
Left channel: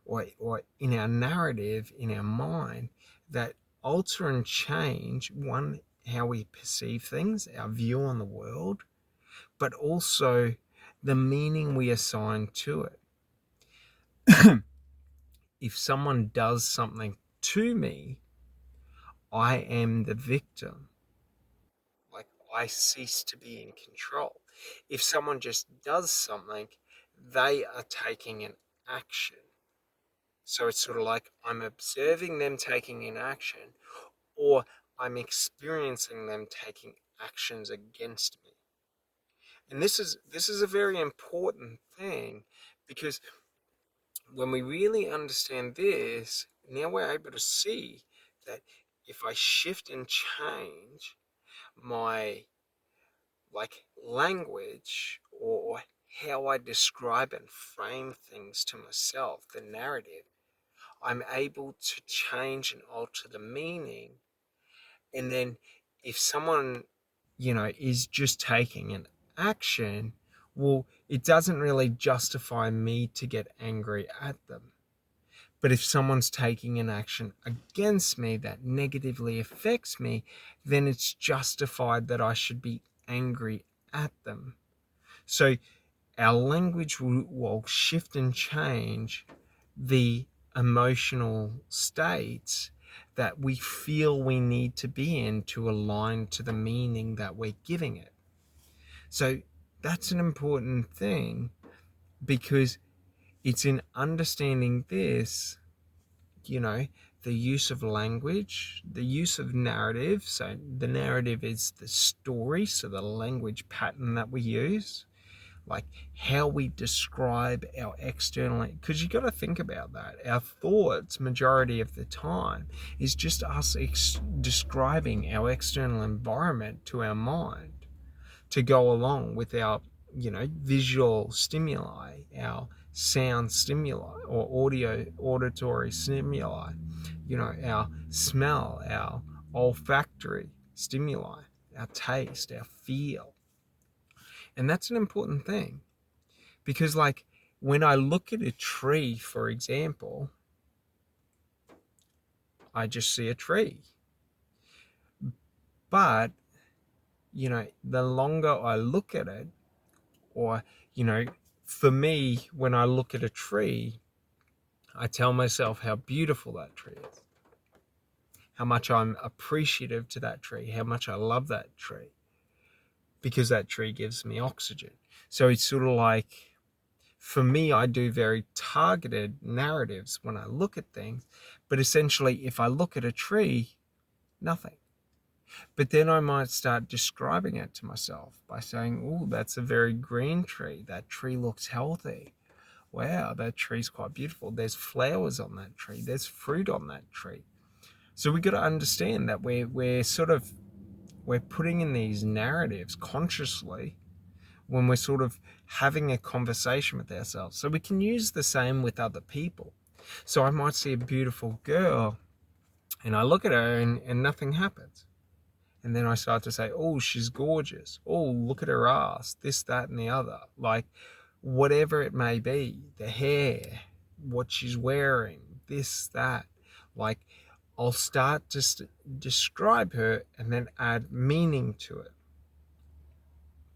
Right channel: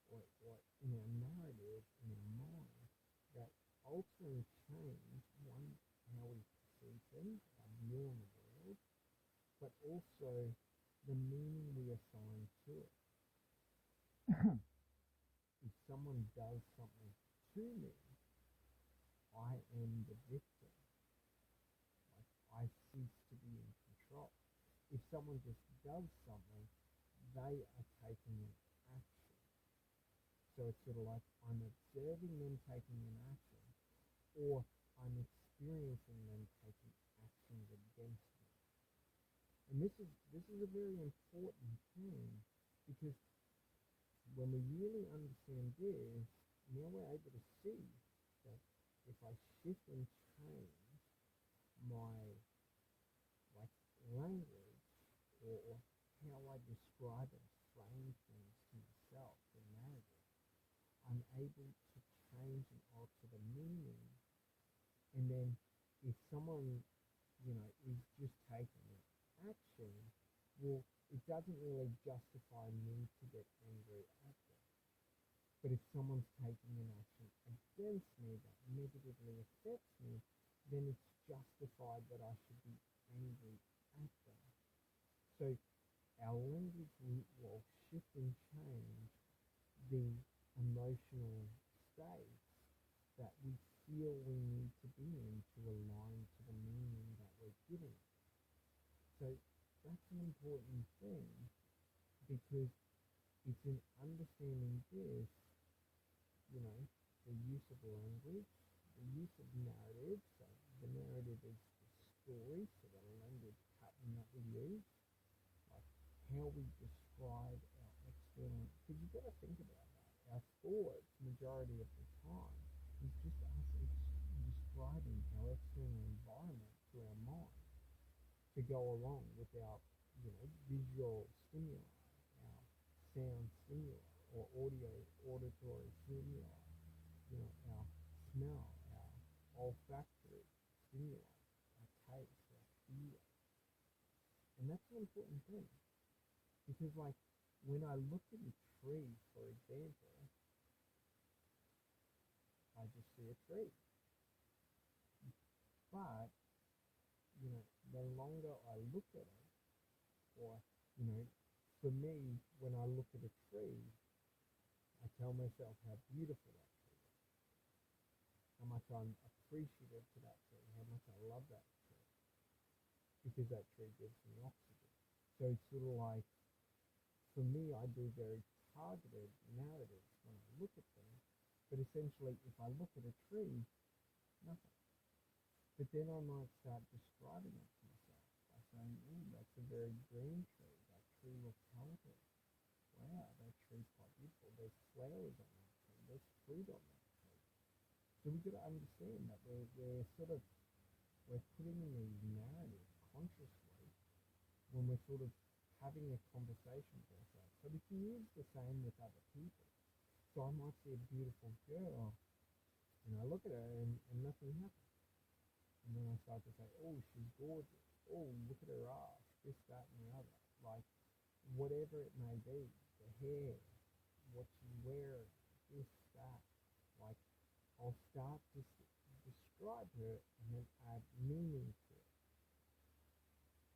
or in our narrative, in our mind, that alter and change, one, how we perceive things, our view on the world, but also the meaning we assign to it. If someone does something to me, I am the victim. Like, I cease to be in control. If someone just does something, they are taking an action. So it's sort of like I'm observing them taking an action, or I'm experiencing them taking actions against me. And this is a very important thing, because when we really understand this, now we're able to see that if I shift and change my, like, language, or how I describe and frame things to myself, the narrative, I'm able to change and alter the meaning. And then if someone, is just taking an action, well, it doesn't really justify me to get angry at them. But if someone's taking an action against me that negatively affects me, then it's justified that I should be angry at them. So our language will shift and change the emotional states that we feel we need to be in to align to the meaning that we're giving it. So that's an important thing, because it's in understanding this, the use of language, the use of narrative. So the narrative is the story, so the language pattern that we use, like how we describe our external, because you got to think about that. Our thoughts, majority of the time, is just us describing our external environment to our mind to go along with our, visual stimuli, our sound stimuli, or auditory stimuli, our smell, our olfactory stimuli, our taste, our feel. And that's an important thing, because, like, when I look at a tree, for example, I just see a tree. But, the longer I look at it, or, for me, when I look at a tree, I tell myself how beautiful that tree is, how much I'm appreciative to that tree, how much I love that tree, because that tree gives me oxygen. So it's sort of like, for me, I do very targeted narratives when I look at things. But essentially, if I look at a tree, nothing. But then I might start describing it to myself by saying, oh, that's a very green tree. That tree looks healthy. Wow, that tree's quite beautiful. There's flowers on that tree. There's fruit on that tree. So we got to understand that we're putting in these narratives consciously when we're sort of having a conversation with ourselves. So we can use the same with other people. So I might see a beautiful girl and I look at her and nothing happens. And then I start to say, oh, she's gorgeous. Oh, look at her ass, this, that, and the other. Like, whatever it may be, the hair, what she's wearing, this, that. Like, I'll start to describe her and then add meaning to it.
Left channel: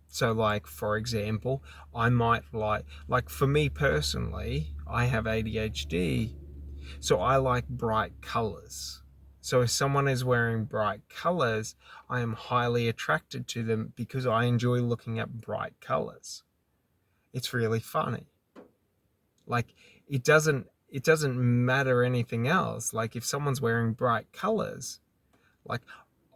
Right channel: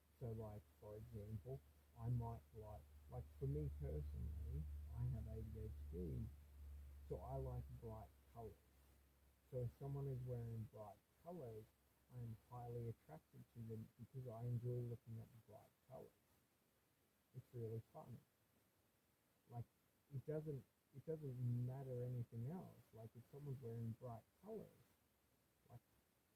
So, like, for example, I might like for me personally, I have ADHD, so I like bright colors. So if someone is wearing bright colors, I am highly attracted to them because I enjoy looking at bright colors. It's really funny. Like, it doesn't matter anything else. Like, if someone's wearing bright colors, like,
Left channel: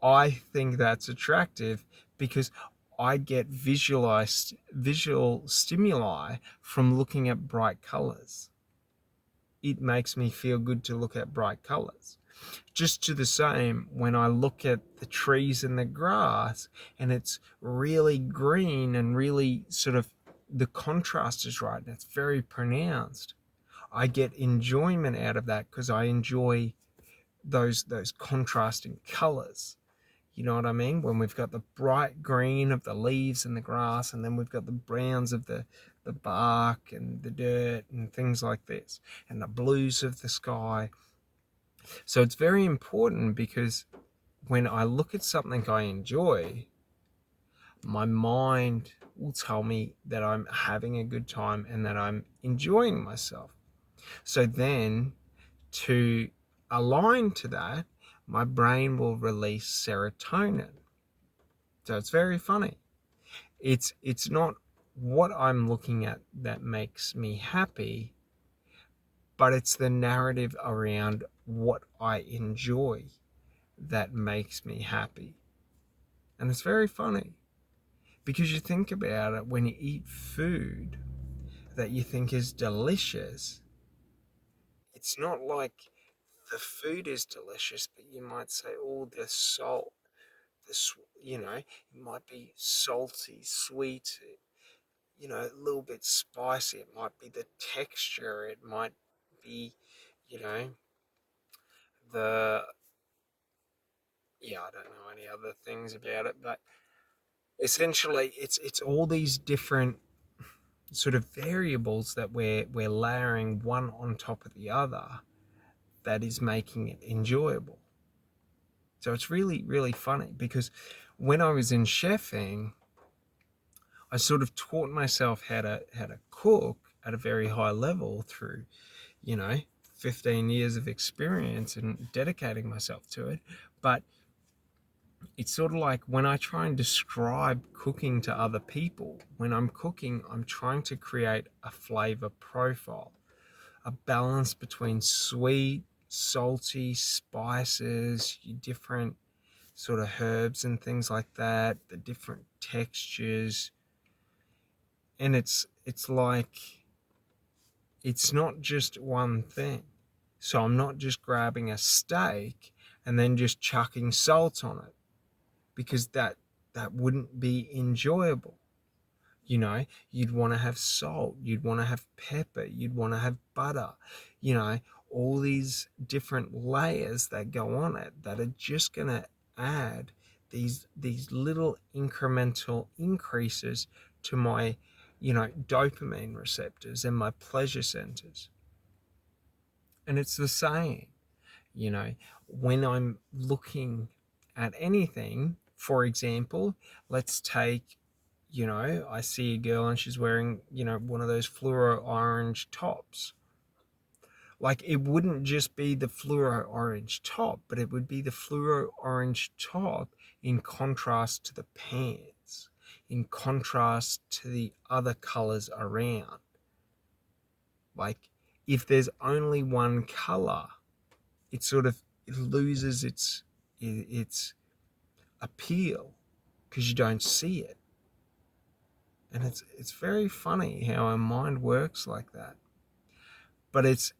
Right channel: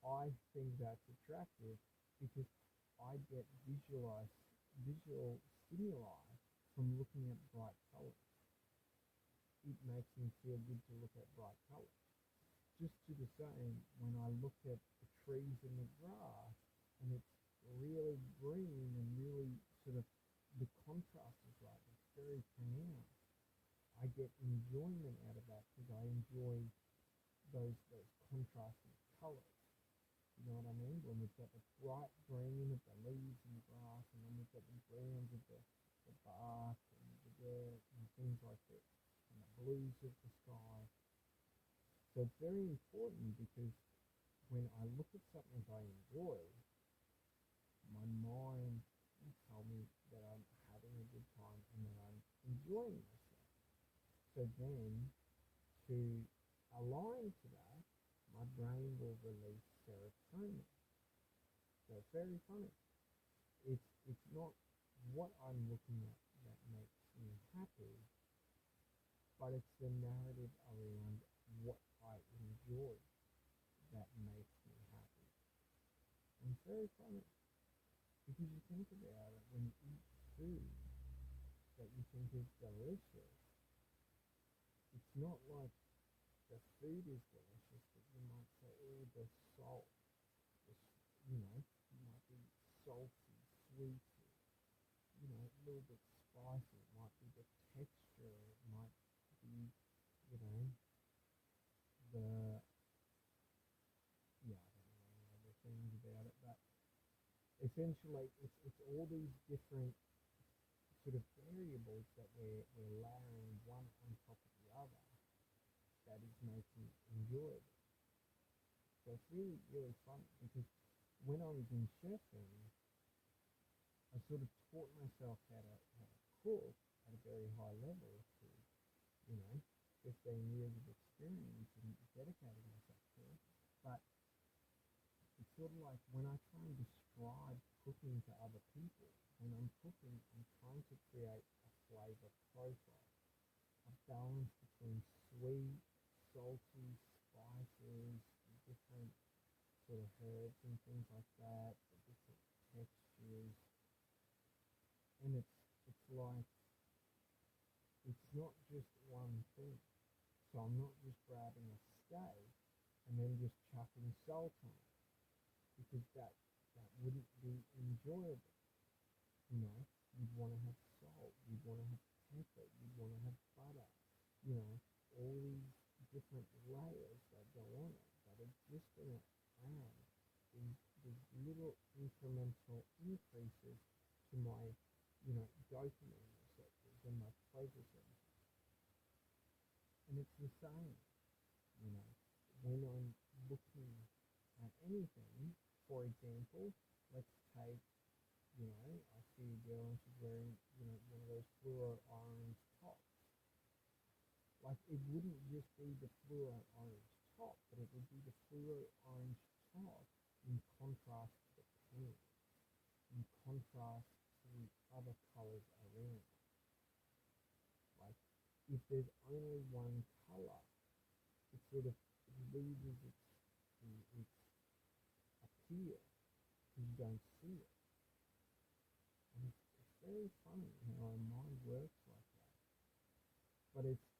I think that's attractive because I get visual stimuli from looking at bright colors. It makes me feel good to look at bright colors. Just to the same, when I look at the trees and the grass and it's really green and really sort of the contrast is right and it's very pronounced, I get enjoyment out of that because I enjoy those contrasting colors. You know what I mean? When we've got the bright green of the leaves and the grass, and then we've got the browns of the bark and the dirt and things like this, and the blues of the sky. So it's very important because when I look at something I enjoy, my mind will tell me that I'm having a good time and that I'm enjoying myself. So then, to align to that, my brain will release serotonin. So it's very funny. It's not what I'm looking at that makes me happy, but it's the narrative around what I enjoy that makes me happy. And it's very funny because you think about it, when you eat food that you think is delicious, it's not like the food is delicious, but you might say, oh, the salt, it might be salty, sweet, a little bit spicy. It might be the texture. It might be, you know, the, I don't know any other things about it, but essentially it's all these different sort of variables that we're layering one on top of the other that is making it enjoyable. So it's really, really funny because when I was in chefing, I sort of taught myself how to cook at a very high level through, you know, 15 years of experience and dedicating myself to it. But it's sort of like when I try and describe cooking to other people, when I'm cooking, I'm trying to create a flavor profile, a balance between sweet, salty, spices, different sort of herbs and things like that, the different textures. And it's like, it's not just one thing. So I'm not just grabbing a steak and then just chucking salt on it, because that wouldn't be enjoyable. You'd want to have salt, you'd want to have pepper, you'd want to have butter, all these different layers that go on it that are just going to add these little incremental increases to my dopamine receptors and my pleasure centers. And it's the same, you know, when I'm looking at anything. For example, let's take, I see a girl and she's wearing, one of those fluoro orange tops. Like it wouldn't just be the fluoro orange top, but it would be the fluoro orange top in contrast to the pants, in contrast to the other colors around. Like if there's only one color, it sort of it loses its appeal because you don't see it. And it's very funny how our mind works like that. But it's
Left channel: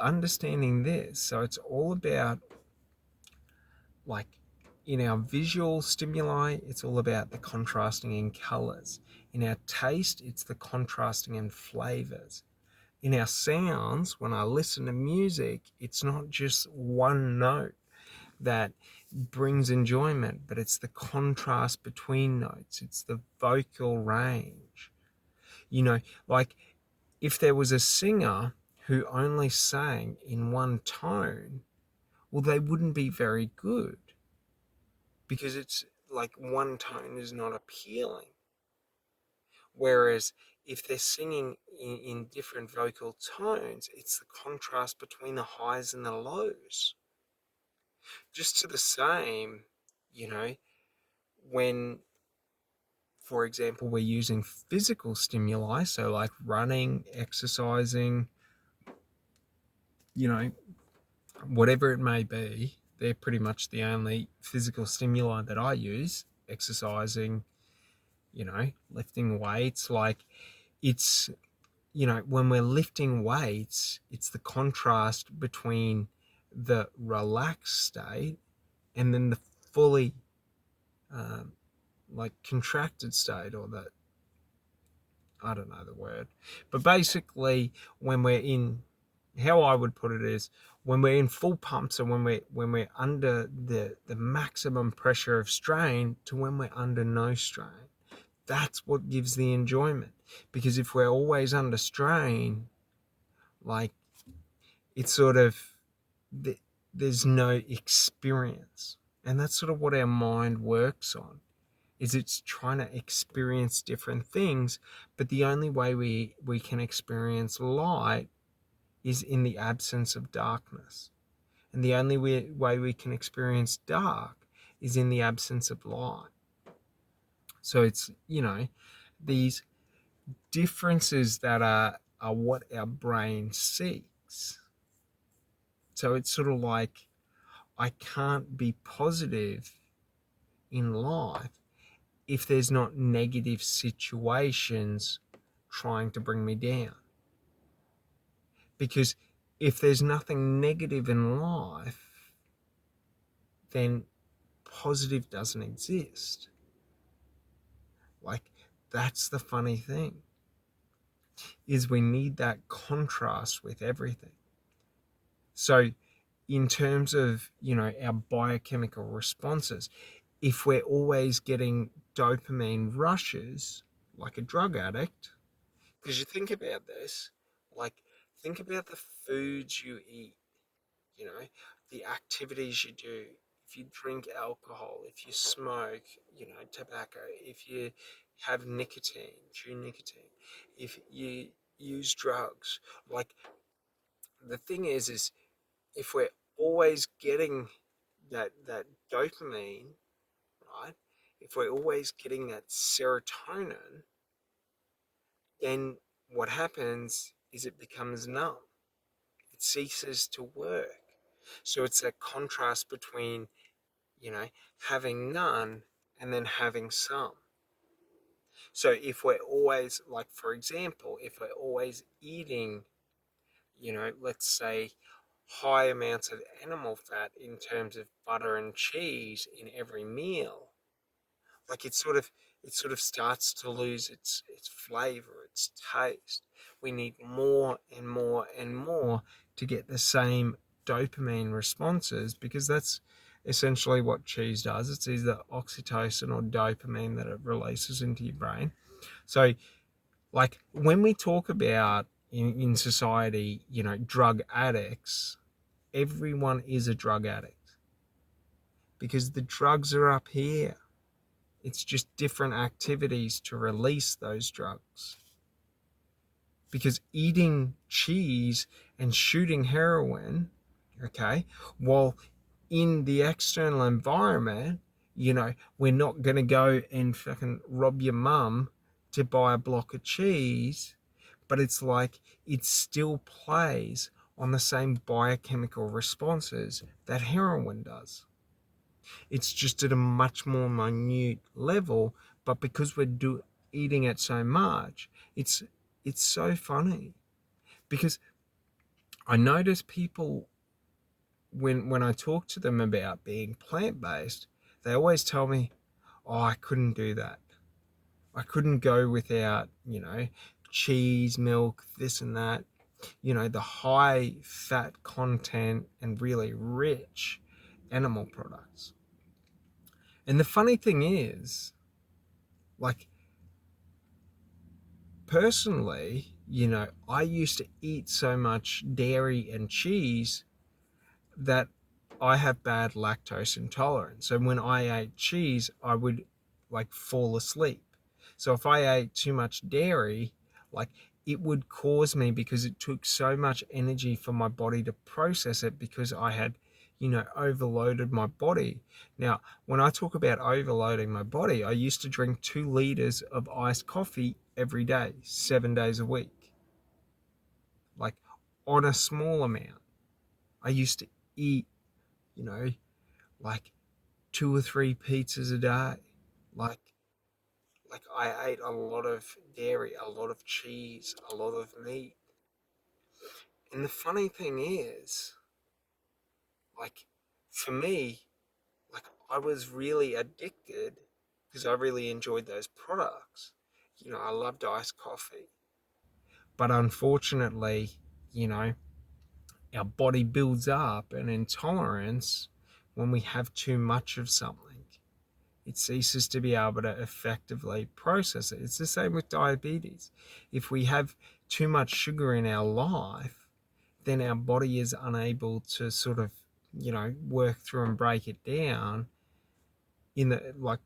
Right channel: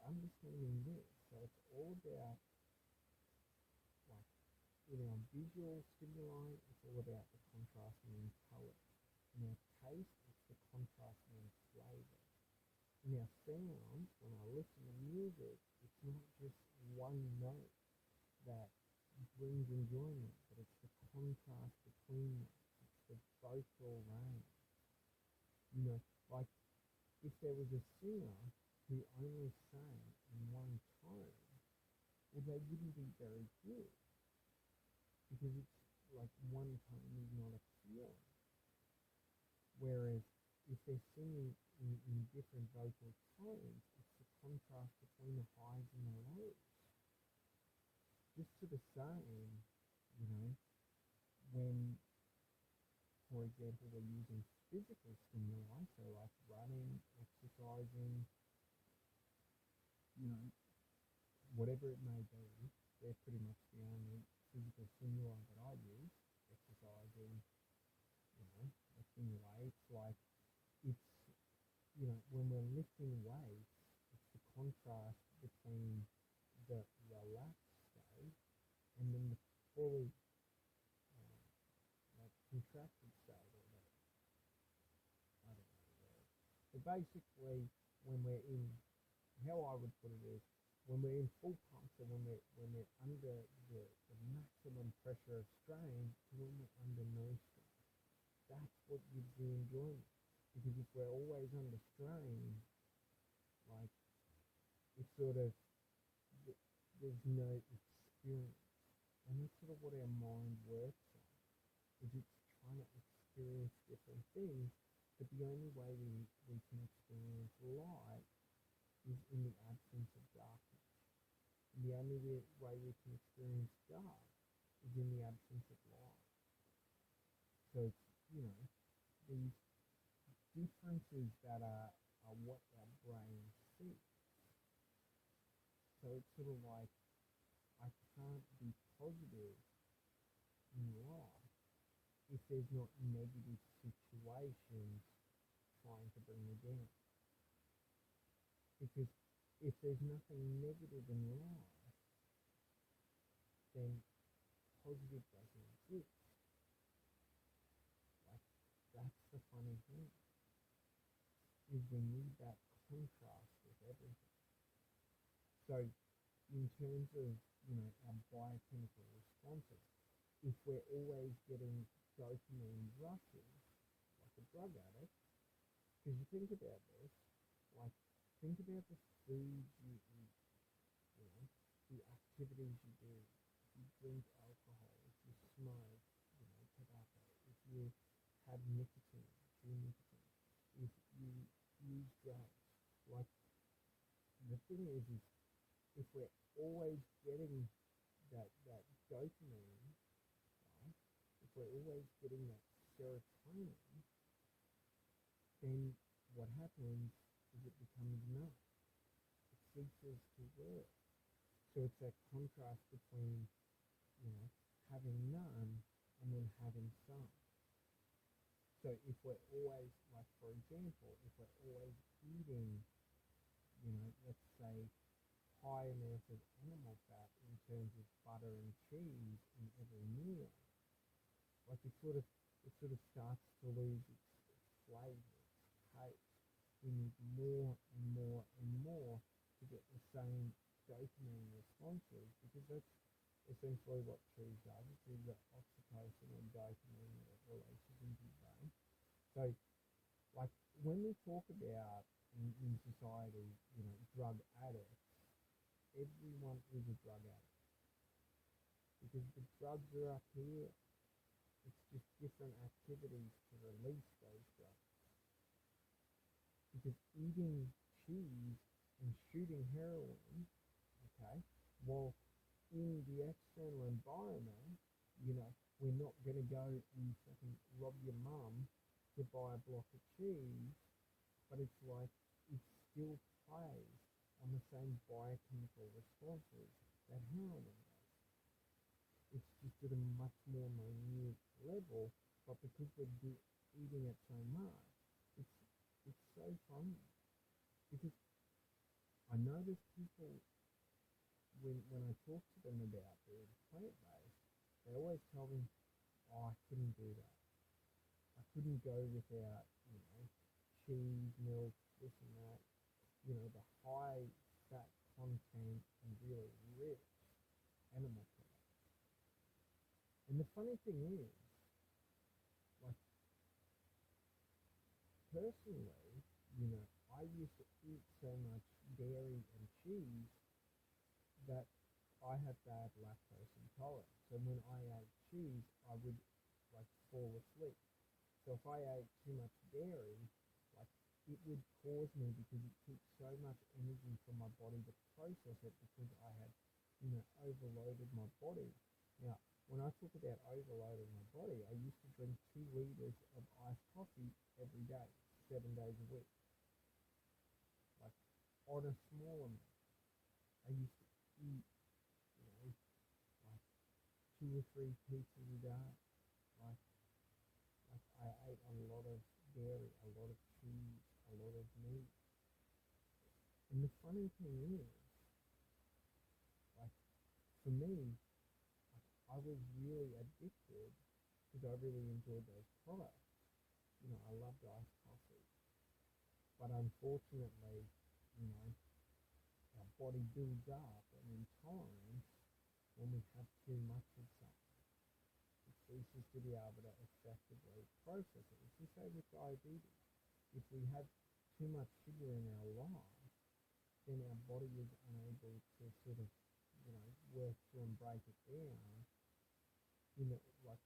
understanding this. So it's all about, like, in our visual stimuli, it's all about the contrasting in colors. In our taste, it's the contrasting in flavors. In our sounds, when I listen to music, it's not just one note that brings enjoyment, but it's the contrast between notes, it's the vocal range. You know, like if there was a singer who only sang in one tone, well, they wouldn't be very good because it's like one tone is not appealing. Whereas if they're singing in different vocal tones, it's the contrast between the highs and the lows. Just to the same, you know, when, for example, we're using physical stimuli, so like running, exercising, you know, whatever it may be, they're pretty much the only physical stimuli that I use. Exercising, you know, lifting weights. Like it's, you know, when we're lifting weights, it's the contrast between the relaxed state and then the fully um, like contracted state, or the, I don't know the word, but basically when we're in, how I would put it is when we're in full pump, so when we're under the maximum pressure of strain to when we're under no strain. That's what gives the enjoyment. Because if we're always under strain, like it's sort of, there's no experience. And that's sort of what our mind works on, is it's trying to experience different things, but the only way we can experience light is in the absence of darkness. And the only way we can experience dark is in the absence of light. So it's, you know, these differences that are what our brain seeks. So it's sort of like, I can't be positive in life if there's not negative situations trying to bring me down. Because if there's nothing negative in life, then positive doesn't exist. Like, that's the funny thing, is we need that contrast with everything. So in terms of, you know, our biochemical responses, if we're always getting dopamine rushes like a drug addict, because you think about this, like think about the foods you eat, you know, the activities you do. If you drink alcohol, if you smoke, you know, tobacco, if you have nicotine, chew nicotine, if you use drugs, like the thing is if we're always getting that dopamine, right? If we're always getting that serotonin, then what happens is it becomes numb. It ceases to work. So it's that contrast between, you know, having none and then having some. So if we're always, like, for example, if we're always eating, you know, let's say high amounts of animal fat in terms of butter and cheese in every meal, like it sort of starts to lose its flavor, its taste. We need more and more and more to get the same dopamine responses, because that's essentially what cheese does. It's either oxytocin or dopamine that it releases into your brain. So like when we talk about in society, you know, drug addicts, everyone is a drug addict because the drugs are up here. It's just different activities to release those drugs. because eating cheese and shooting heroin, okay, while in the external environment, we're not going to go and fucking rob your mum to buy a block of cheese, but it's like it still plays on the same biochemical responses that heroin does. It's just at a much more minute level, but because we're eating it so much, it's so funny because I notice people when I talk to them about being plant based, they always tell me, "Oh, I couldn't do that. I couldn't go without cheese, milk, this and that. The high fat content and really rich animal products." And the funny thing is, like, personally, I used to eat so much dairy and cheese that I have bad lactose intolerance. So when I ate cheese, I would like fall asleep. So if I ate too much dairy, like, it would cause me, because it took so much energy for my body to process it, because I had, overloaded my body. Now, when I talk about overloading my body, I used to drink 2 liters of iced coffee every day, 7 days a week, like, on a small amount. I used to eat, you know, like 2 or 3 pizzas a day. Like, I ate a lot of dairy, a lot of cheese, a lot of meat. And the funny thing is, like, for me, like, I was really addicted because I really enjoyed those products. I loved iced coffee. But unfortunately, you know, our body builds up an intolerance when we have too much of something. It ceases to be able to effectively process it. It's the same with diabetes. If we have too much sugar in our life, then our body is unable to sort of, work through and break it down in the, like,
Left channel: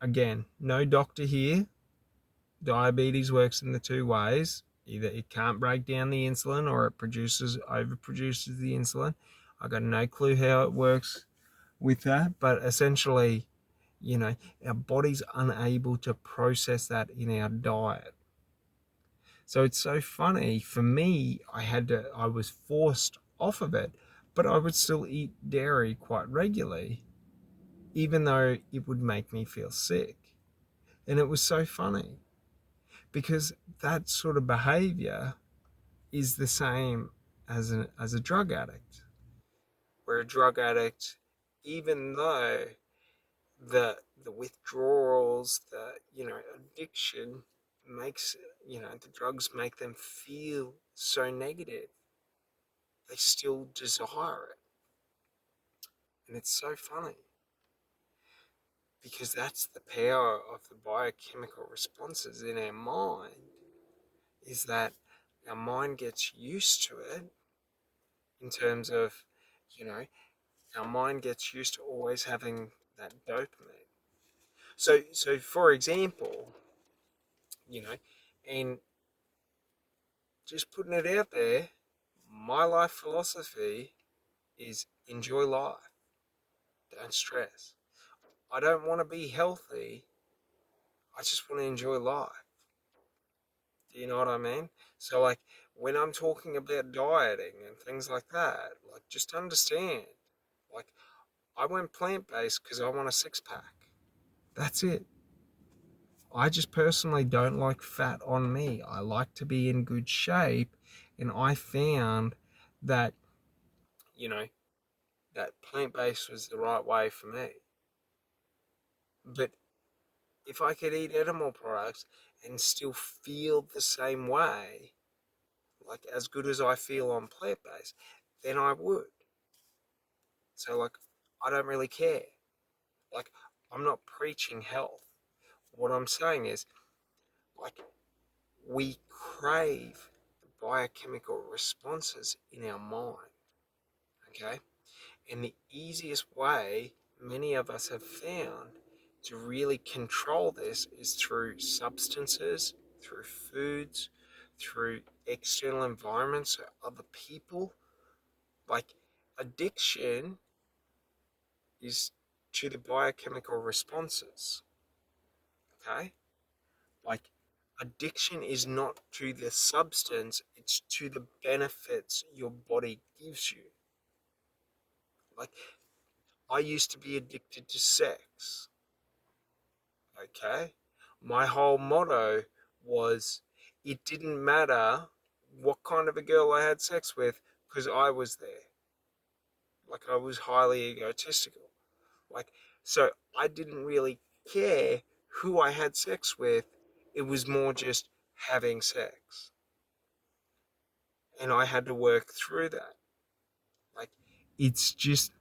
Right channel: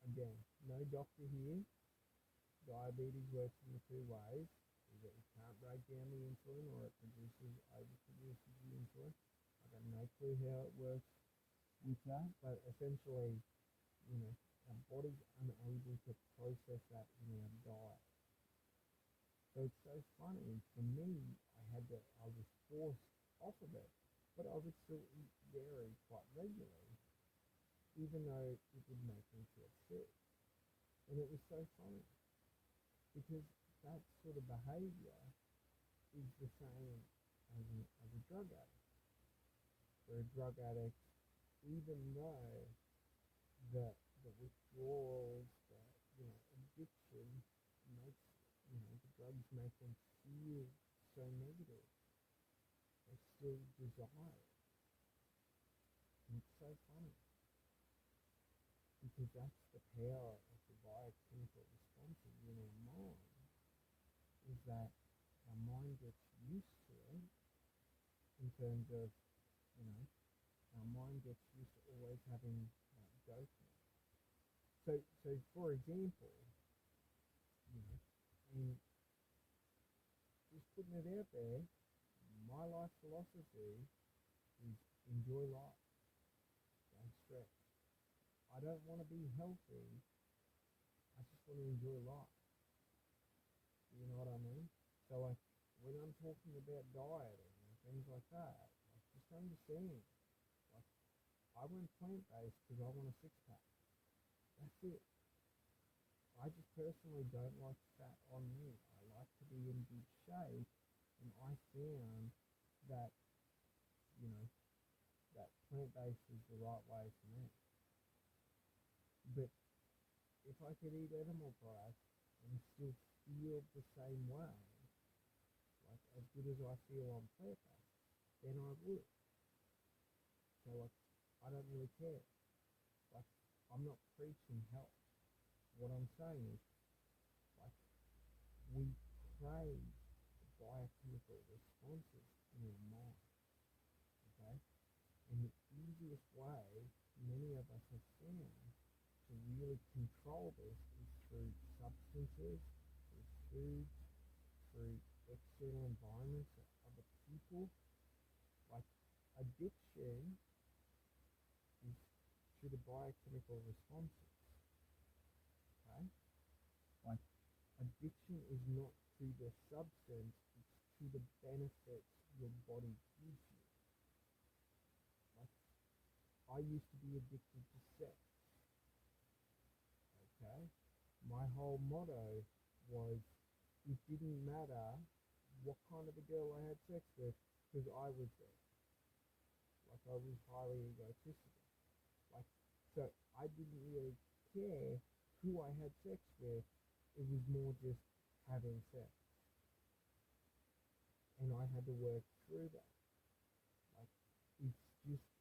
again, no doctor here. Diabetes works in the two ways. Either it can't break down the insulin or it overproduces the insulin. I got no clue how it works with that, but essentially, our body's unable to process that in our diet. So it's so funny. For me, I was forced off of it, but I would still eat dairy quite regularly, even though it would make me feel sick. And it was so funny because that sort of behavior is the same as a drug addict. Where a drug addict, even though the withdrawals, the addiction makes, the drugs make them feel so negative, they still desire it. And it's so funny because that's the power of the biochemical responses in our mind, is that our mind gets used to it, in terms of, you know, our mind gets used to always having that dopamine. So for example, and just putting it out there, my life philosophy is enjoy life, don't stress. I don't want to be healthy, I just want to enjoy life. Do you know what I mean? So, like, when I'm talking about dieting and things like that, like, just understand, like, I went plant-based because I want a six-pack. That's it. I just personally don't like fat on me. I like to be in good shape, and I found that, you know, that plant-based was the right way for me. But if I could eat animal products and still feel the same way, like as good as I feel on plant-based, then I would. So, like, I don't really care. Like, I'm not preaching health. What I'm saying is, like, we crave the biochemical responses in our mind, okay? And the easiest way many of us have found to really control this is through substances, through foods, through external environments or other people. Like addiction is to the biochemical responses. Okay? Like addiction is not to the substance, it's to the benefits your body gives you. Like I used to be addicted to sex. Okay? My whole motto was it didn't matter what kind of a girl I had sex with because I was there. Like I was highly egotistical. Like so I didn't really care who I had sex with. It was more just having sex. And I had to work through that. Like it's just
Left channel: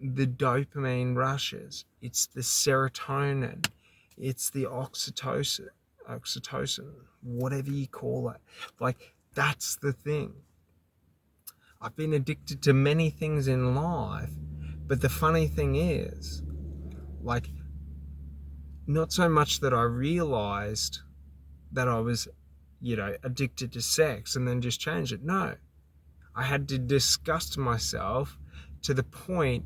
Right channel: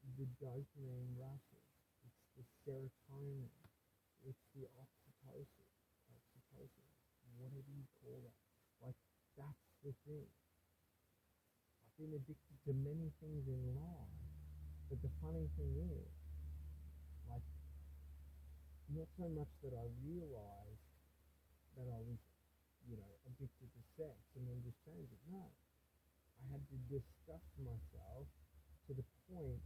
the dopamine rushes, it's the serotonin, it's the oxytocin, whatever you call it. Like that's the thing. I've been addicted to many things in life, but the funny thing is, like, not so much that I realized that I was, addicted to sex and then just changed it. No, I had to disgust myself to the point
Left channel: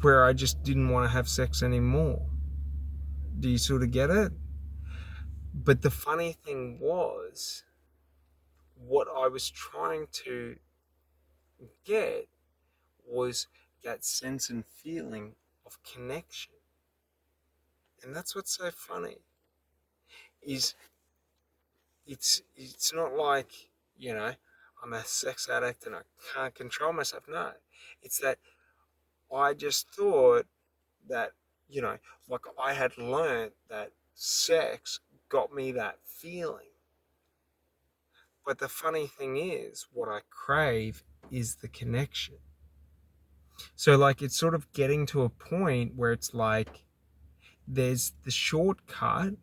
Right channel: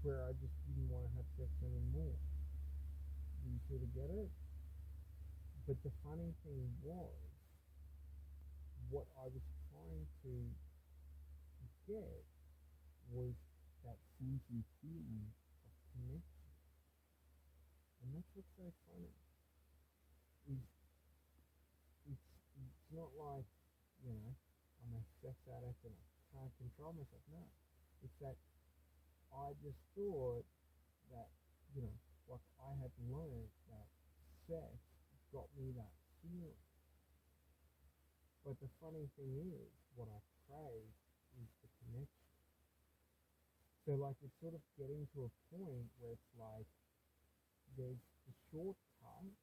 where I just didn't want to have sex anymore. Do you sort of get it? But the funny thing was, what I was trying to get was that sense and feeling of connection. And that's what's so funny is it's not like, you know, I'm a sex addict and I can't control myself. No. It's that I just thought that, you know, like I had learned that sex got me that feeling. But the funny thing is, what I crave is the connection. So, like, it's sort of getting to a point where it's like there's the shortcut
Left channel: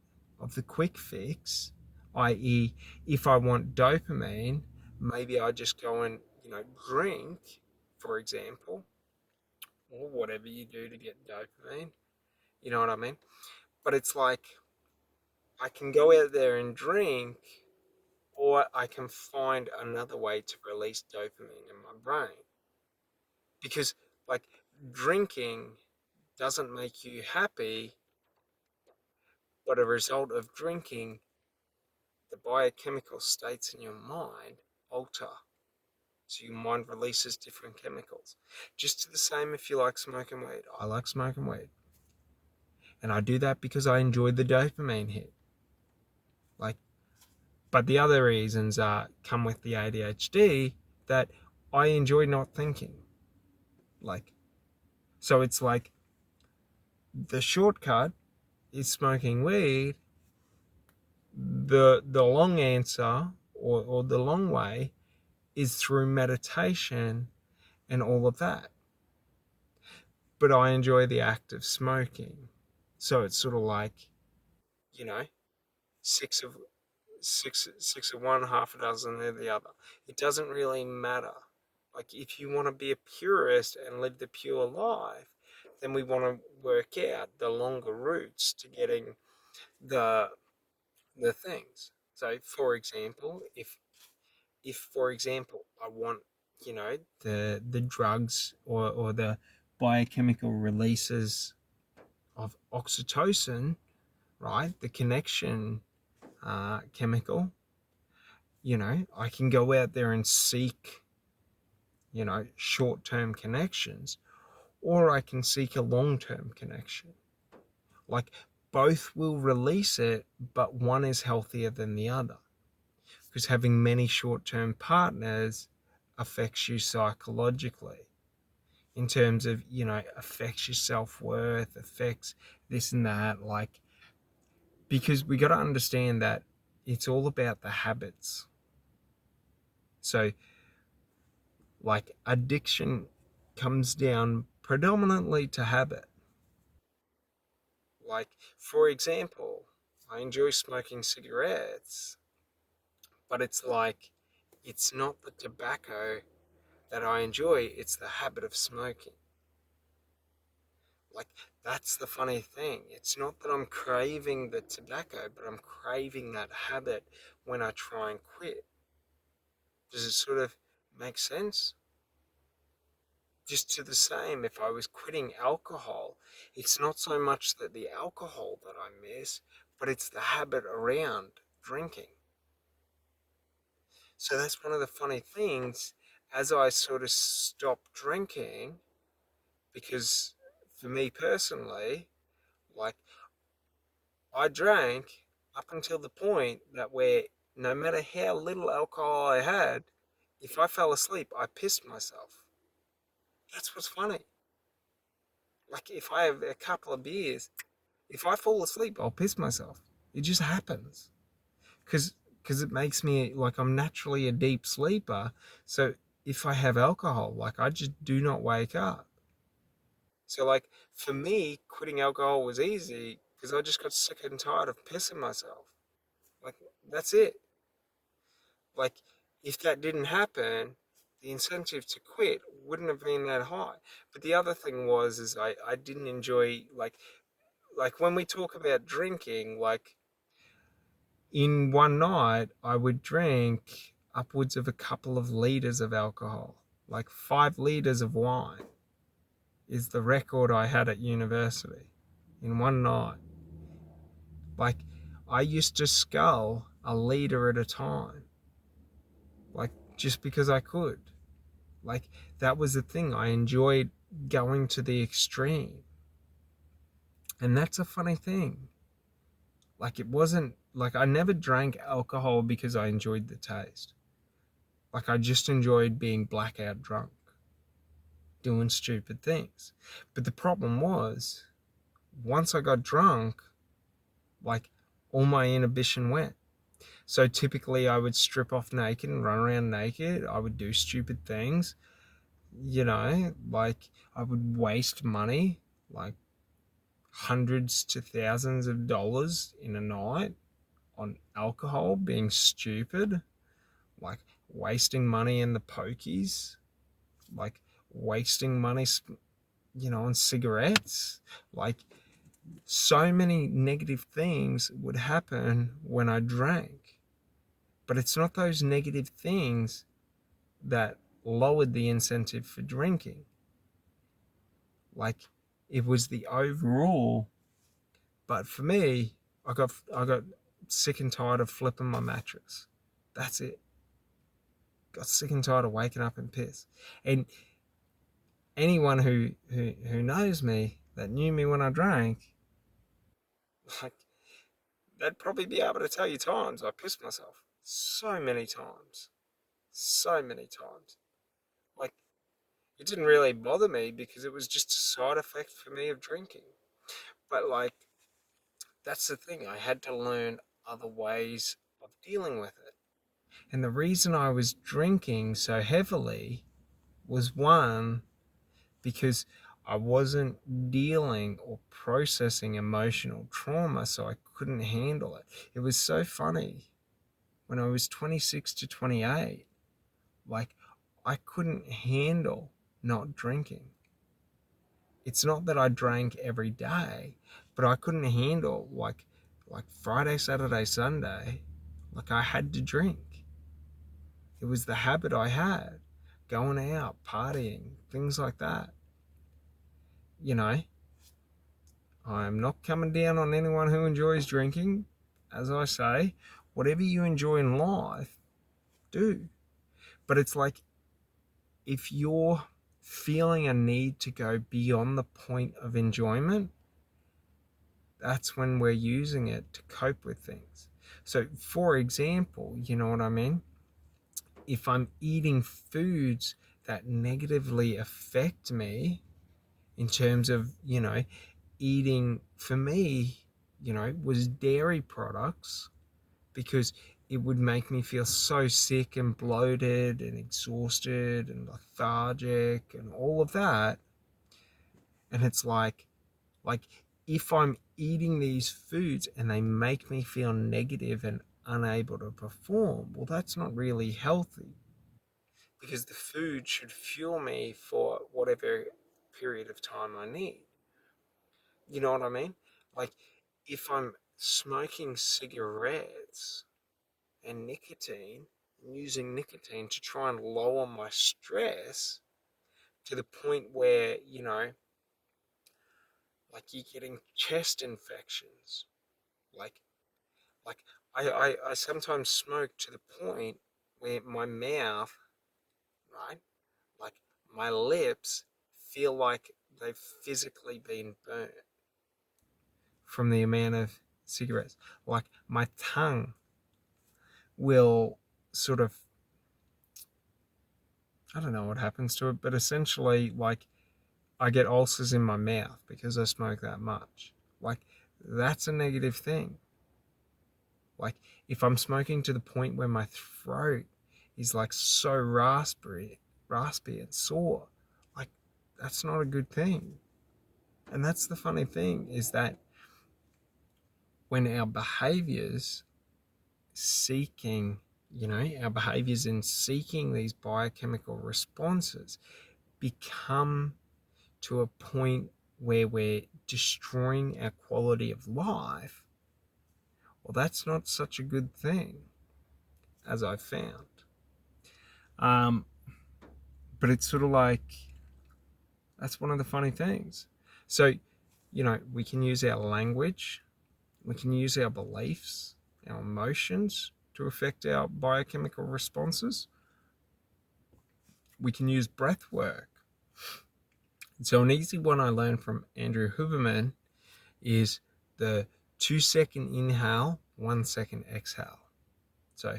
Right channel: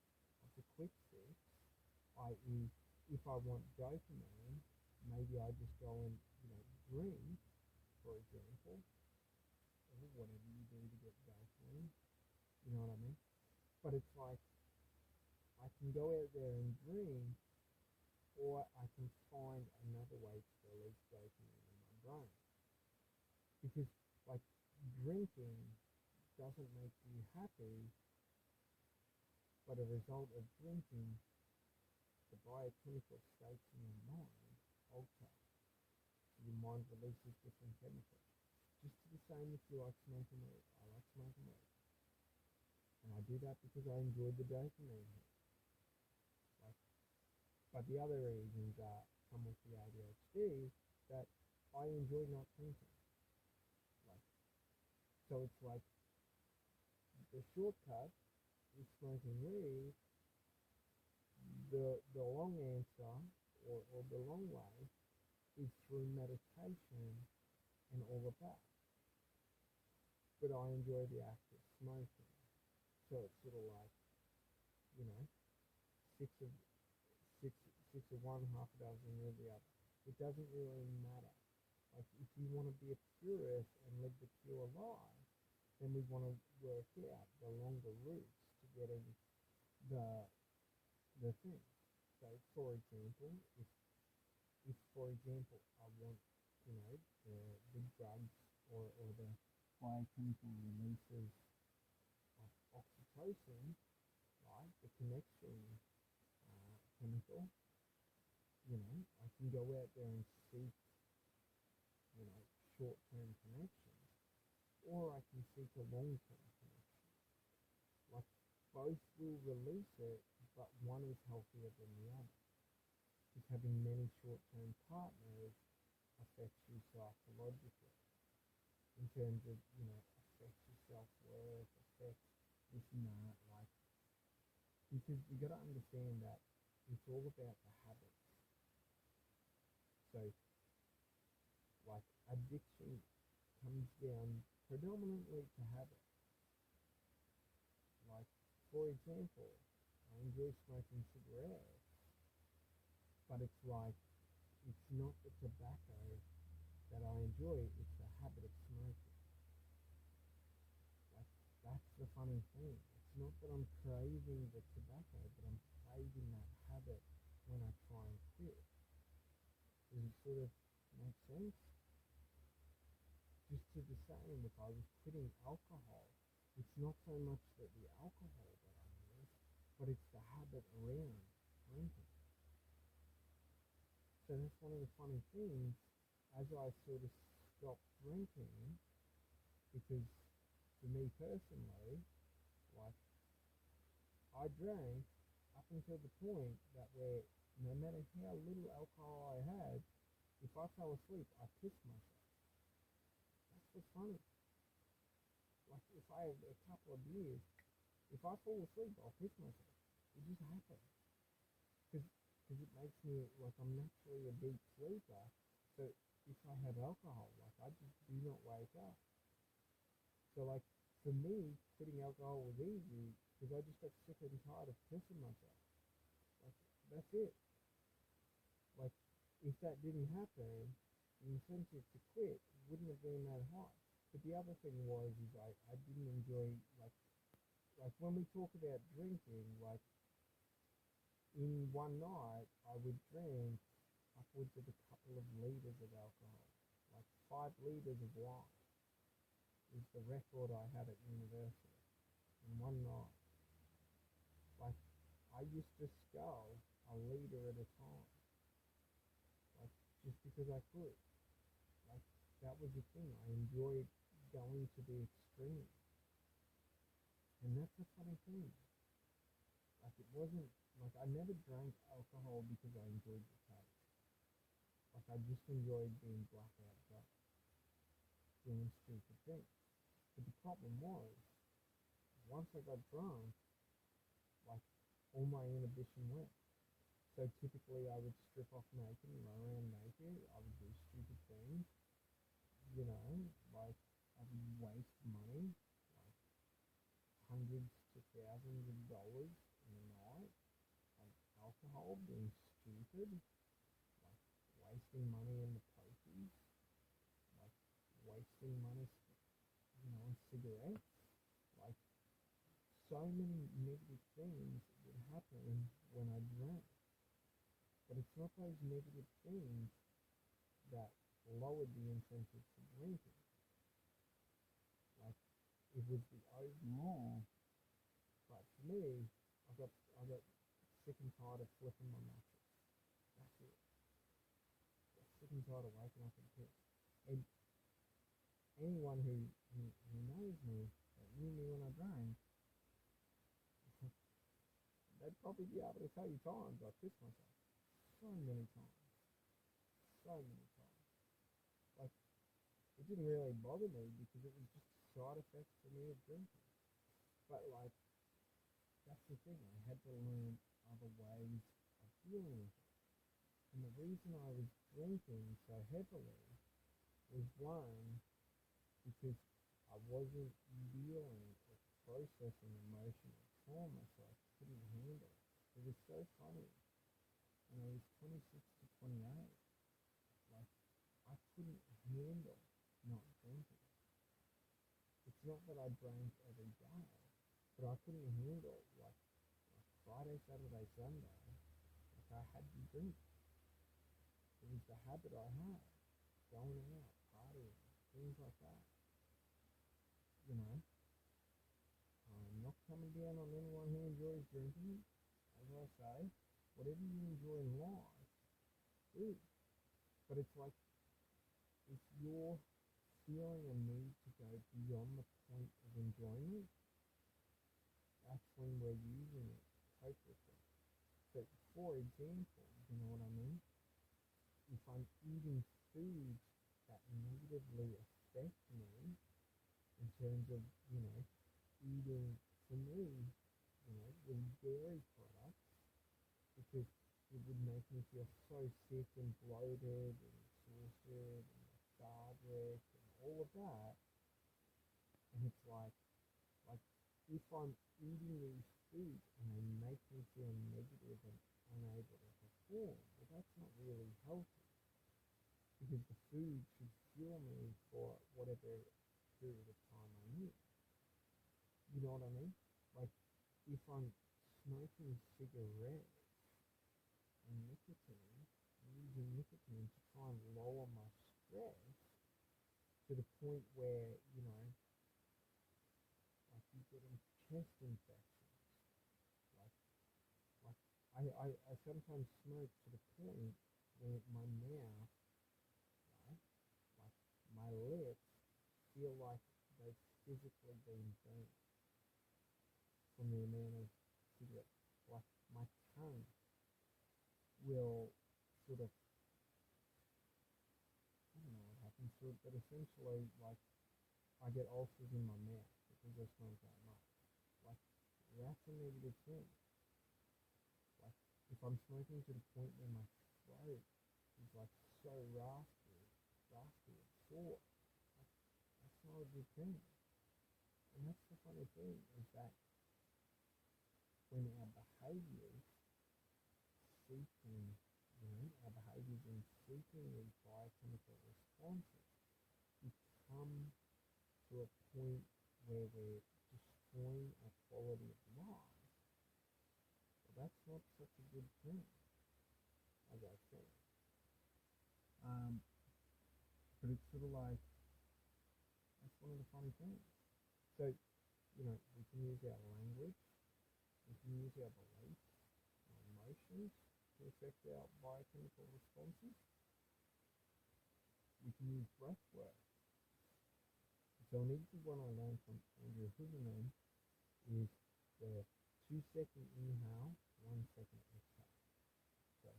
of the quick fix, i.e., if I want dopamine, maybe I just go and, drink, for example, or whatever you do to get dopamine. You know what I mean? But it's like I can go out there and drink, or I can find another way to release dopamine in my brain. Because, like, drinking doesn't make you happy, but a result of drinking, the biochemical states in your mind alter. So your mind releases different chemicals. Just the same if you like smoking weed. I like smoking weed. And I do that because I enjoy the dopamine hit. Like, but the other reasons come with the ADHD that I enjoy not thinking. Like, so it's like the shortcut is smoking weed. The long answer or the long way is through meditation and all of that. But I enjoy the act of smoking. So it's sort of like, you know, six of six of one, half a dozen of the other. It doesn't really matter. Like if you want to be a purist and live the pure life, then we want to work out the longer routes to getting the the things. So for example, if for example I want, the drugs or the biochemical releases of oxytocin, right, the connection chemical, I can go out there and seek, short-term connections, or I can seek a long-term connection. Like both will release it, but one is healthier than the other. Because having many short-term partners affects you psychologically in terms of, affects your self-worth, affects this and that. Like, because we got to understand that it's all about the habits. So, like, addiction comes down predominantly to habit. Like, for example, I enjoy smoking cigarettes, but it's like, it's not the tobacco that I enjoy, it's the habit of smoking. Like That's the funny thing. It's not that I'm craving the tobacco, but I'm craving that habit when I try and quit. Does it sort of make sense? Just to the same, if I was quitting alcohol, it's not so much that the alcohol that I miss, but it's the habit around drinking. So that's one of the funny things as I sort of stopped drinking, because for me personally, like I drank up until the point that where no matter how little alcohol I had, if I fell asleep, I pissed myself. That's what's funny. Like if I have a couple of beers, if I fall asleep, I'll piss myself. It just happens because it makes me like I'm naturally a deep sleeper. So if I have alcohol, like I just do not wake up. So like for me, quitting alcohol was easy because I just got sick and tired of pissing myself. Like that's it. Like if that didn't happen, the incentive to quit wouldn't have been that high. But the other thing was is I didn't enjoy like when we talk about drinking, like in one night I would drink upwards of a couple of liters of alcohol. Like 5 liters of wine is the record I had at university in one night. Like I used to scull a liter at a time, like just because I could. Like that was the thing. I enjoyed going to the extreme. And that's a funny thing. Like it wasn't like I never drank alcohol because I enjoyed the taste. Like I just enjoyed being blackout drunk, doing stupid things. But the problem was, once I got drunk, like all my inhibition went. So typically I would strip off naked and run around naked. I would do stupid things, like I would waste money, like hundreds to thousands of dollars in a night on alcohol, being stupid, like wasting money in the pokies, like wasting money, on cigarettes. Like so many negative things would happen when I drank. But it's not those negative things that lowered the incentive for drinking. Like it was the overall. But for me, I got sick and tired of flipping my mattress. That's it. Got sick and tired of waking up in piss. And anyone who knows me, that knew me when I drank, like they'd probably be able to tell you times I pissed myself. So many times. So many times. Like it didn't really bother me because it was just a side effect for me of drinking. But like that's the thing. I had to learn other ways of dealing with it. And the reason I was drinking so heavily was one, because I wasn't dealing or processing emotional trauma, so I couldn't handle it. It was so funny. When I was 26 to 28, like I couldn't handle not drinking. It's not that I drank every day, but I couldn't handle like Friday, Saturday, Sunday, like I had to drink. It was the habit I had, going out, partying, things like that. You know, I'm not coming down on anyone who enjoys drinking. As I say, whatever you enjoy in life, do. But it's like if you're feeling a need to go beyond the point of enjoyment, that's when we're using it to cope with things. So, for example, you know what I mean? If I'm eating foods that negatively affect me in terms of, eating for me, was dairy products, because it would make me feel so sick and bloated and exhausted and lethargic and all of that. And it's like if I'm eating these foods and they make me feel negative and unable to perform, well, that's not really healthy, because the food should fuel me for whatever period of time I need. You know what I mean? Like, if I'm smoking cigarettes and nicotine, using nicotine to try and lower my stress to the point where, like you're getting chest infections. Like, like I sometimes smoke to the point where my mouth, right, like my lips feel like they've physically been burnt from the amount of cigarettes. Like my tongue will sort of, I don't know what happens to it, but essentially, like, I get ulcers in my mouth because I smoke that much. Like, that's a negative thing. Like, if I'm smoking to the point where my throat is like so raspy and sore, like, that's not a good thing. And that's the funny thing, is that when our behaviors seeking, our behaviors in seeking these biochemical responses become to a point where we're destroying our quality of life, well, that's not such a good thing, as I've found. Um, but it's sort of like, that's one of the funny things. So, we can use our language, we can use our beliefs, our emotions to affect our biochemical responses. We can use breath work. So, an easy one I learned from Andrew Huberman is the 2-second inhale, 1-second exhale. So,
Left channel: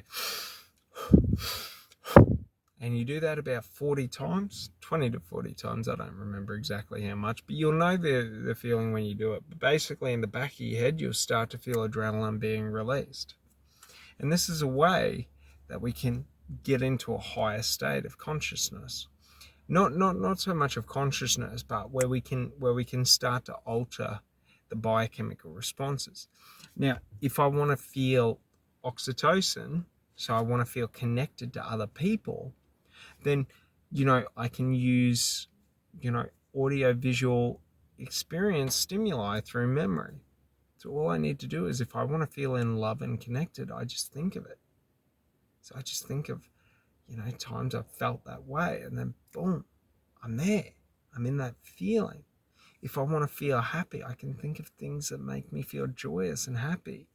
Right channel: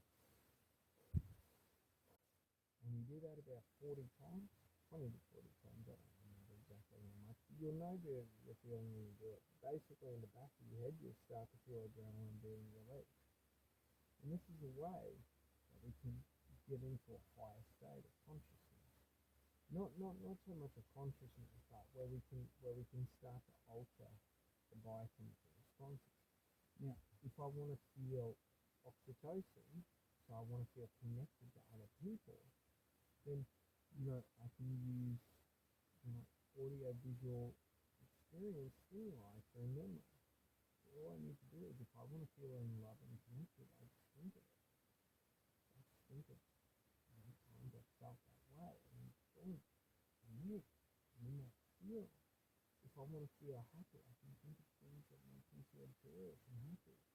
and you do that about 40 times, 20 to 40 times. I don't remember exactly how much, but you'll know the feeling when you do it. But basically, in the back of your head, you'll start to feel adrenaline being released. And this is a way that we can get into a higher state of consciousness. Not so much of consciousness, but where we can start to alter the biochemical responses. Now, if I want to feel oxytocin, so I want to feel connected to other people, then I can use audio visual experience stimuli through memory. So all I need to do is, if I want to feel in love and connected, I just think of it. So I just think of times I've felt that way, and then boom, I'm there. I'm in that feeling. If I want to feel happy, I can think of things that make me feel joyous and happy.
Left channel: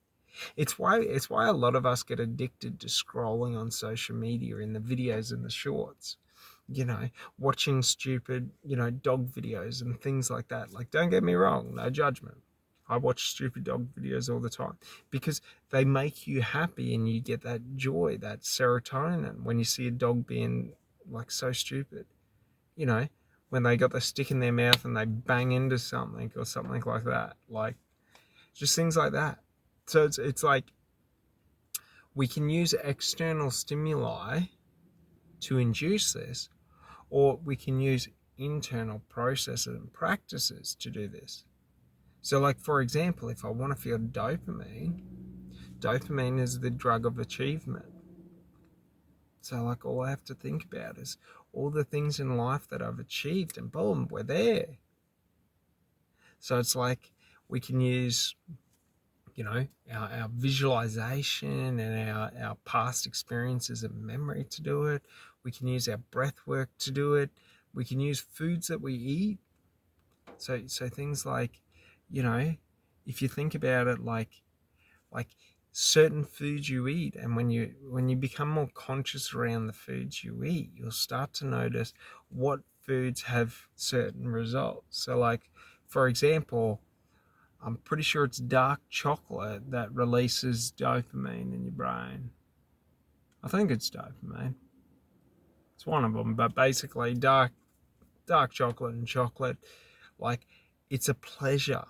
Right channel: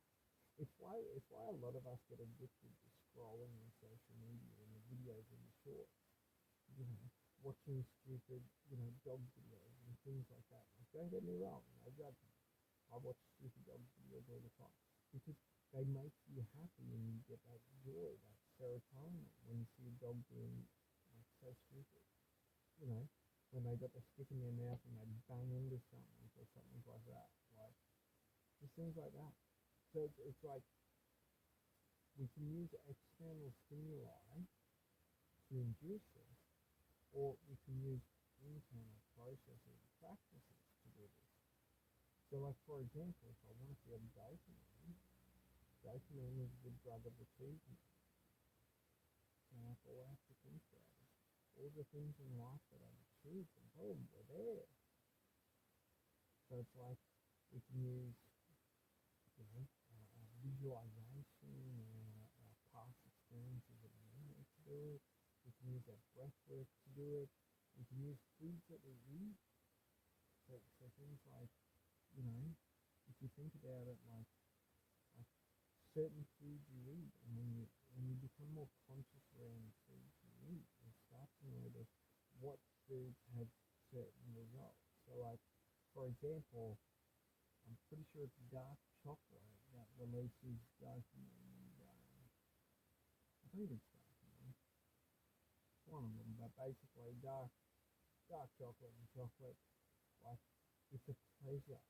It's why a lot of us get addicted to scrolling on social media, in the videos and the shorts. Watching stupid, dog videos and things like that. Like, don't get me wrong, no judgment. I watch stupid dog videos all the time because they make you happy and you get that joy, that serotonin when you see a dog being like so stupid. You know, when they got the stick in their mouth and they bang into something or something like that. Like, just things like that. So it's like, we can use external stimuli to induce this, or we can use internal processes and practices to do this. So, like, for example, if I want to feel dopamine is the drug of achievement. So, like, all I have to think about is all the things in life that I've achieved, and boom, we're there. So it's like, we can use, our visualization and our past experiences and memory to do it. We can use our breath work to do it. We can use foods that we eat. So things like, if you think about it, like certain foods you eat, and when you become more conscious around the foods you eat, you'll start to notice what foods have certain results. So, like, for example, I'm pretty sure it's dark chocolate that releases dopamine in your brain. I think it's dopamine. It's one of them, but basically dark chocolate and chocolate, like, it's a pleasure.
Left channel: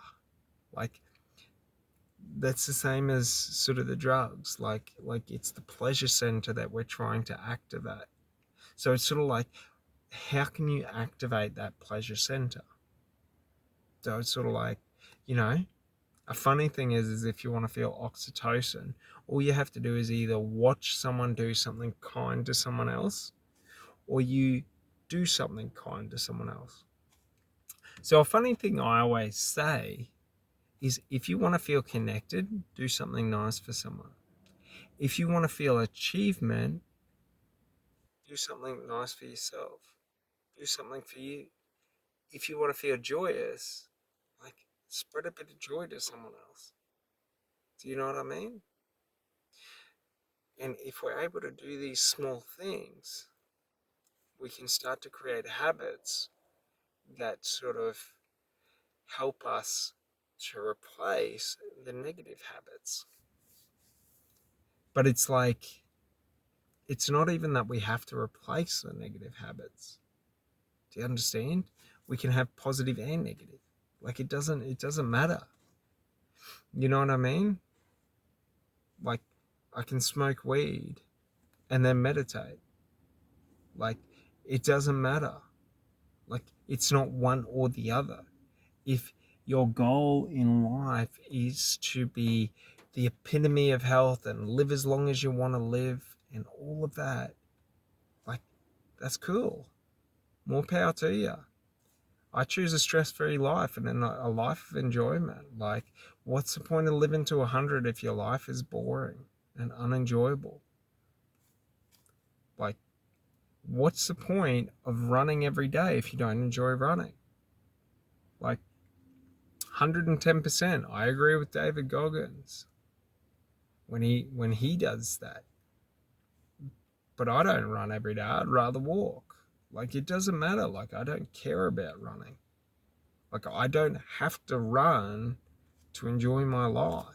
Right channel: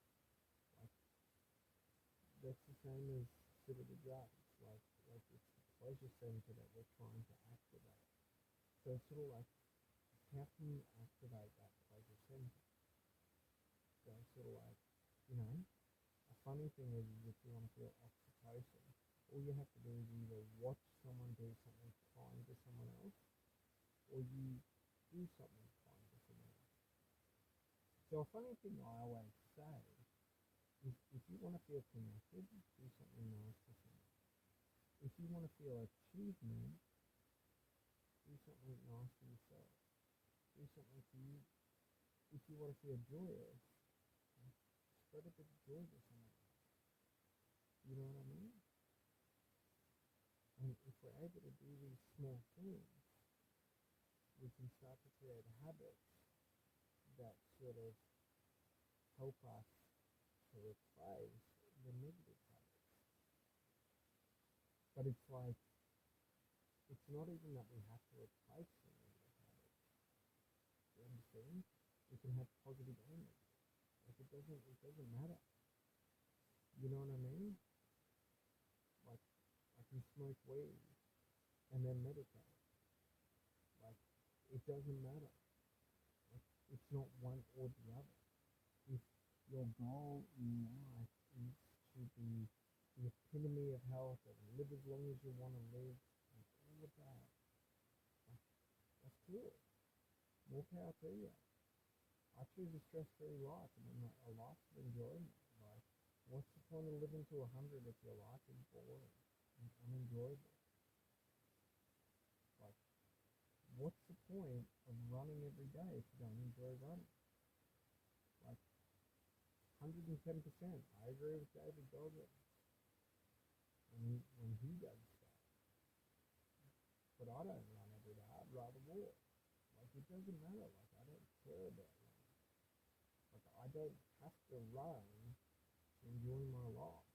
Like, that's the same as sort of the drugs. Like it's the pleasure center that we're trying to activate. So it's sort of like, how can you activate that pleasure center? So it's sort of like, a funny thing is if you want to feel oxytocin, all you have to do is either watch someone do something kind to someone else, or you do something kind to someone else. So a funny thing I always say is if you want to feel connected, do something nice for someone. If you want to feel achievement, do something nice for yourself. Do something for you. If you want to feel joyous, like spread a bit of joy to someone else. Do you know what I mean? And if we're able to do these small things, we can start to create habits that sort of help us to replace the negative habits. But it's like, it's not even that we have to replace the negative habits. Do you understand? We can have positive and negative. Like it doesn't matter. You know what I mean? Like I can smoke weed and then meditate. Like it doesn't matter. Like it's not one or the other. If your goal in life is to be the epitome of health and live as long as you want to live and all of that, like that's cool. More power to you. I choose a stress-free life and a life of enjoyment. Like, what's the point of living to 100 if your life is boring and unenjoyable? Like, what's the point of running every day if you don't enjoy running? Like, 110%. I agree with David Goggins when he does that. But I don't run every day. I'd rather walk. Like, it doesn't matter. Like, I don't care about running. Like, I don't have to run to enjoy my life.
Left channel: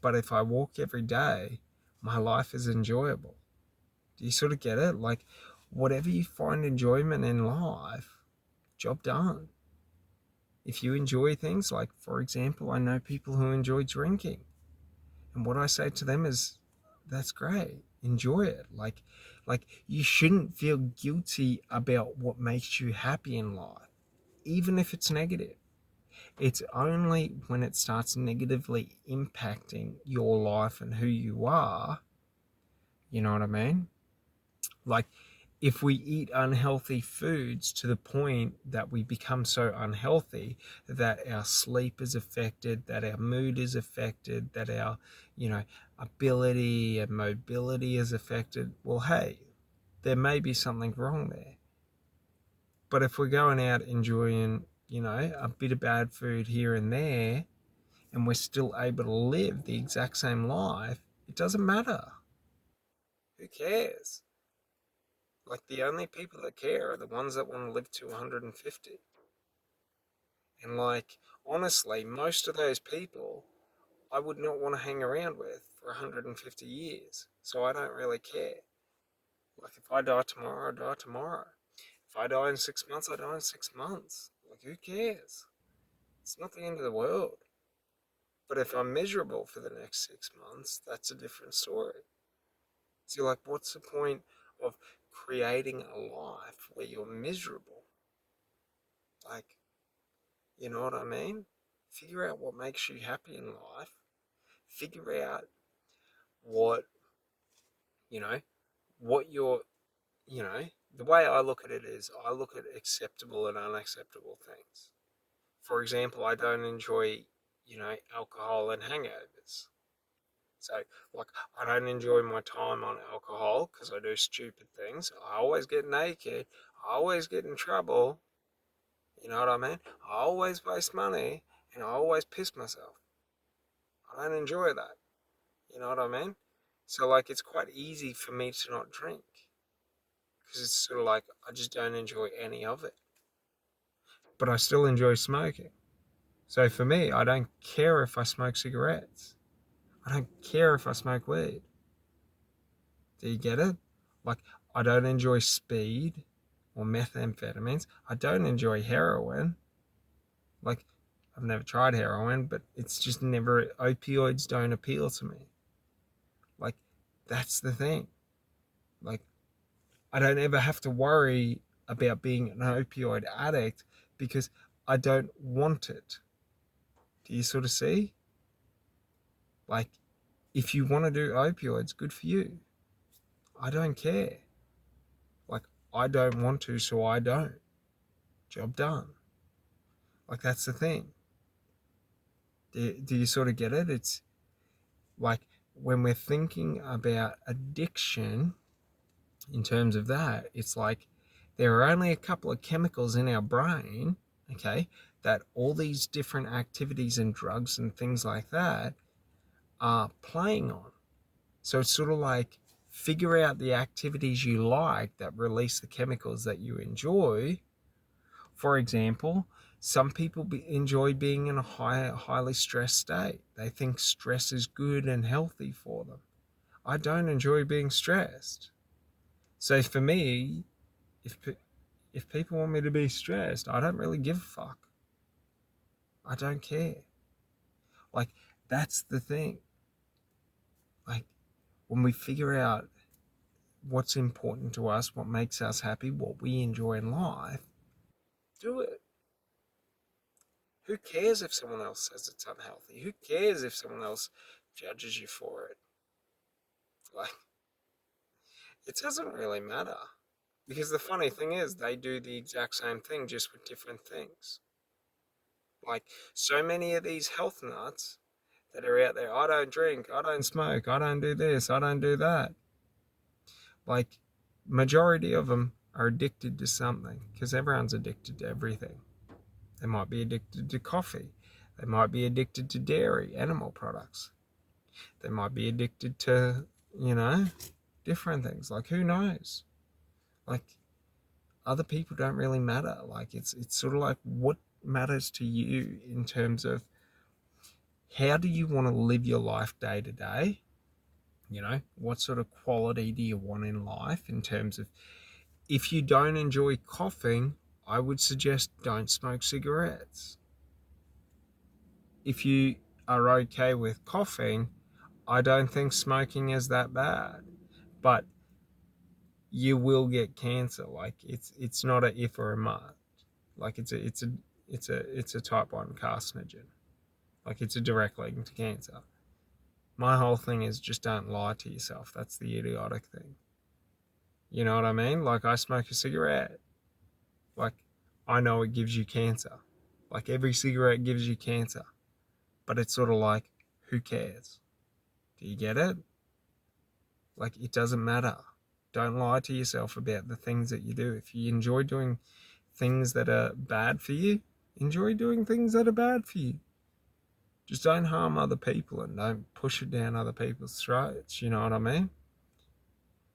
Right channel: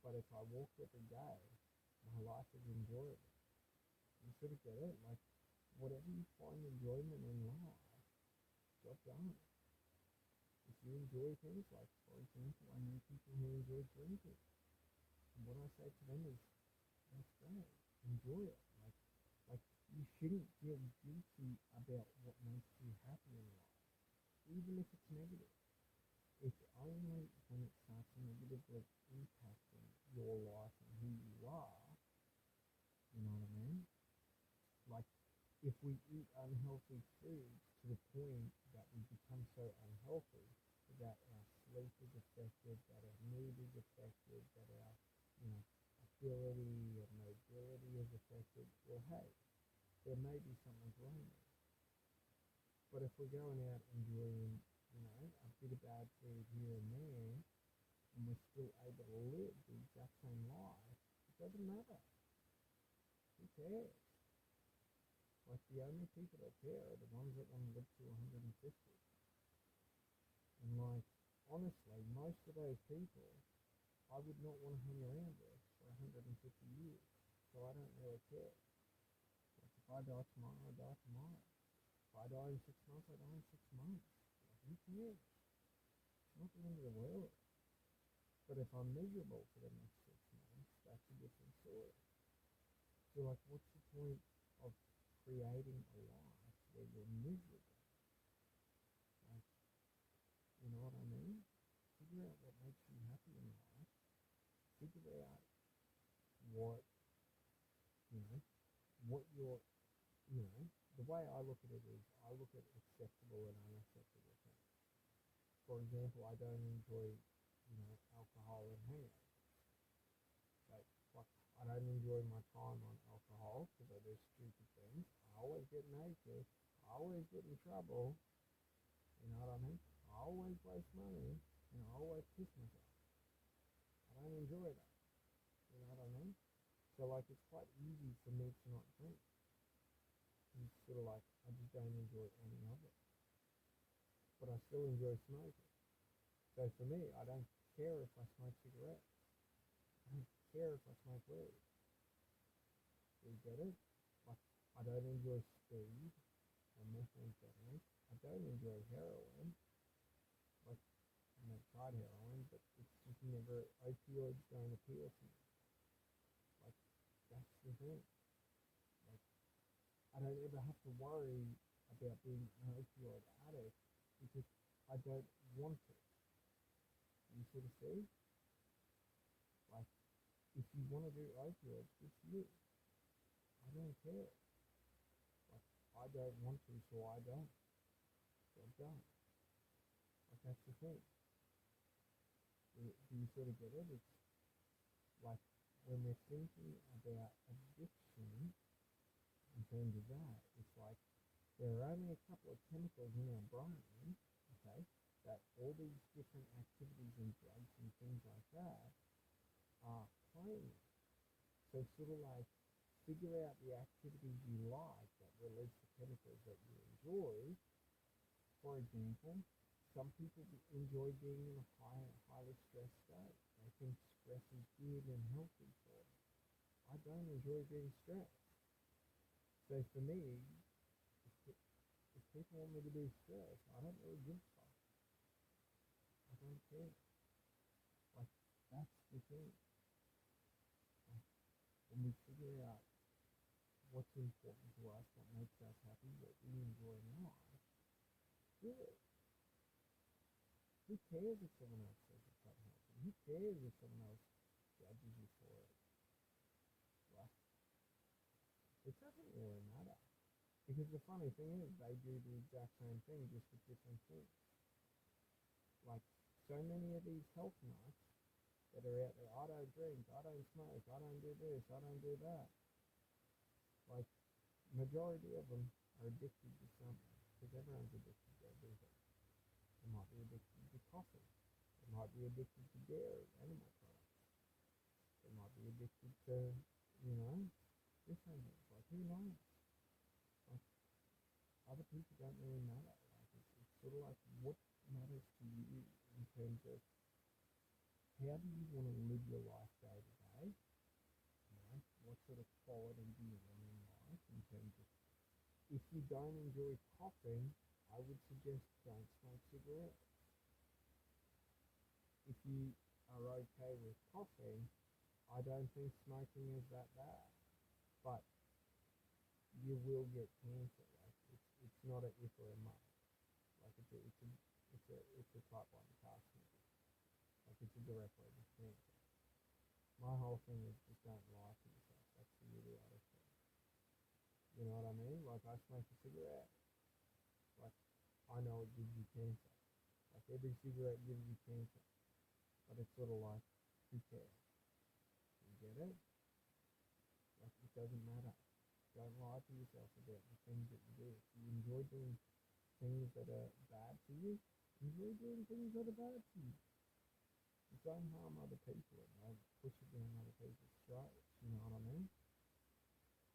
But if I walk every day, my life is enjoyable. Do you sort of get it? Like, whatever you find enjoyment in life, job done. If you enjoy things, like, for example, I know people who enjoy drinking. And what I say to them is, that's great. Enjoy it. Like you shouldn't feel guilty about what makes you happy in life, even if it's negative. It's only when it starts negatively impacting your life and who you are, you know what I mean? Like, if we eat unhealthy foods to the point that we become so unhealthy that our sleep is affected, that our mood is affected, that our, ability and mobility is affected, well, hey, there may be something wrong there. But if we're going out enjoying, a bit of bad food here and there, and we're still able to live the exact same life, it doesn't matter. Who cares? Like, the only people that care are the ones that want to live to 150. And, like, honestly, most of those people I would not want to hang around with for 150 years. So I don't really care. Like, if I die tomorrow, I die tomorrow. If I die in 6 months, I die in 6 months. Like, who cares? It's not the end of the world. But if I'm miserable for the next 6 months, that's a different story. So, like, what's the point of creating a life where you're miserable? Like, you know what I mean? Figure out what makes you happy in life. Figure out what, you know, what you're, the way I look at it is I look at acceptable and unacceptable things. For example, I don't enjoy, alcohol and hangovers. So, like, I don't enjoy my time on alcohol because I do stupid things. I always get naked. I always get in trouble. You know what I mean? I always waste money and I always piss myself. I don't enjoy that. You know what I mean? So, like, it's quite easy for me to not drink because it's sort of like I just don't enjoy any of it. But I still enjoy smoking. So for me, I don't care if I smoke cigarettes. I don't care if I smoke weed. Do you get it? Like, I don't enjoy speed or methamphetamines. I don't enjoy heroin. Like, I've never tried heroin, but it's just never, opioids don't appeal to me. Like, that's the thing. Like, I don't ever have to worry about being an opioid addict because I don't want it. Do you sort of see? Like, if you want to do opioids, good for you. I don't care. Like, I don't want to, so I don't. Job done. Like, that's the thing. Do you sort of get it? It's like when we're thinking about addiction in terms of that, it's like there are only a couple of chemicals in our brain, okay, that all these different activities and drugs and things like that are playing on. So it's sort of like figure out the activities you like that release the chemicals that you enjoy. For example, some people enjoy being in a highly stressed state. They think stress is good and healthy for them. I don't enjoy being stressed. So for me, if if people want me to be stressed, I don't really give a fuck. I don't care. Like that's the thing. Like when we figure out what's important to us, what makes us happy, what we enjoy in life, do it. Who cares if someone else says it's unhealthy? Who cares if someone else judges you for it? Like, it doesn't really matter. Because the funny thing is, they do the exact same thing just with different things. Like, so many of these health nuts that are out there, I don't drink, I don't smoke, I don't do this, I don't do that. Like, majority of them are addicted to something because everyone's addicted to everything. They might be addicted to coffee. They might be addicted to dairy, animal products. They might be addicted to, you know, different things. Like, who knows? Like, other people don't really matter. Like, it's sort of like what matters to you in terms of how do you want to live your life day to day? You know, what sort of quality do you want in life in terms of if you don't enjoy coughing, I would suggest don't smoke cigarettes. If you are okay with coughing, I don't think smoking is that bad. But you will get cancer. Like it's not a if or a must. Like it's a type 1 carcinogen. Like it's a direct link to cancer. My whole thing is just don't lie to yourself. That's the idiotic thing. You know what I mean? Like I smoke a cigarette. Like I know it gives you cancer. Like every cigarette gives you cancer. But it's sort of like, who cares? Do you get it? Like it doesn't matter. Don't lie to yourself about the things that you do. If you enjoy doing things that are bad for you, enjoy doing things that are bad for you. Just don't harm other people and don't push it down other people's throats. You know what I mean?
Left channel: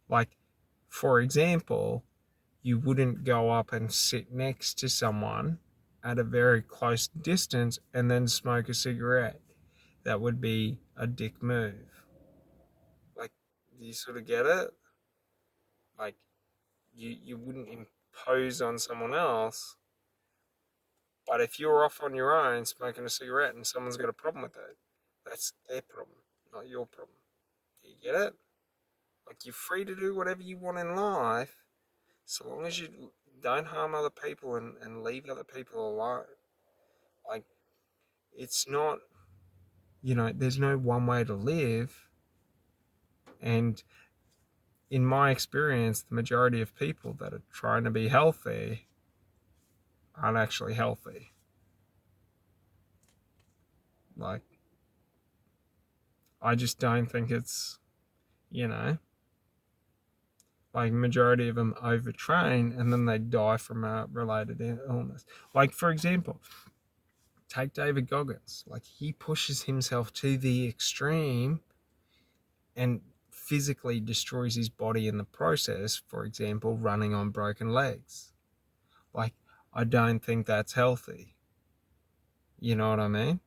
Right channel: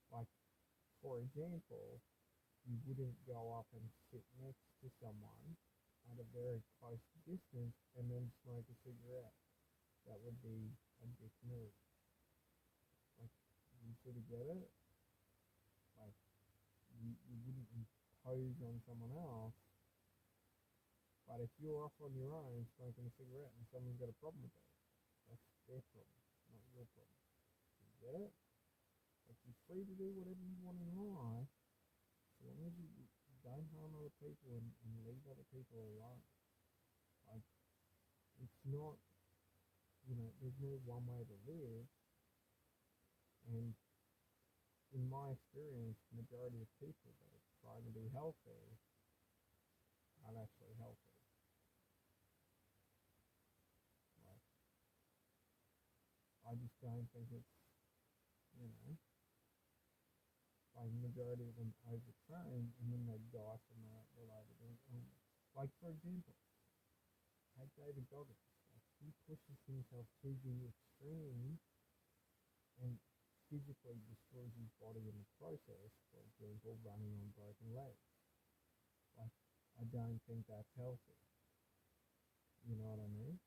Like, for example, you wouldn't go up and sit next to someone at a very close distance and then smoke a cigarette. That would be a dick move. Like, do you sort of get it? Like, you wouldn't impose on someone else. But if you're off on your own smoking a cigarette and someone's got a problem with it, that's their problem, not your problem. Do you get it? Like you're free to do whatever you want in life, so long as you don't harm other people and leave other people alone. Like it's not, there's no one way to live. And in my experience, the majority of people that are trying to be healthy aren't actually healthy. Like, I just don't think it's, you know, like majority of them overtrain and then they die from a related illness. Like for example, take David Goggins. Like he pushes himself to the extreme and physically destroys his body in the process. For example, running on broken legs. Like I don't think that's healthy. You know what I mean?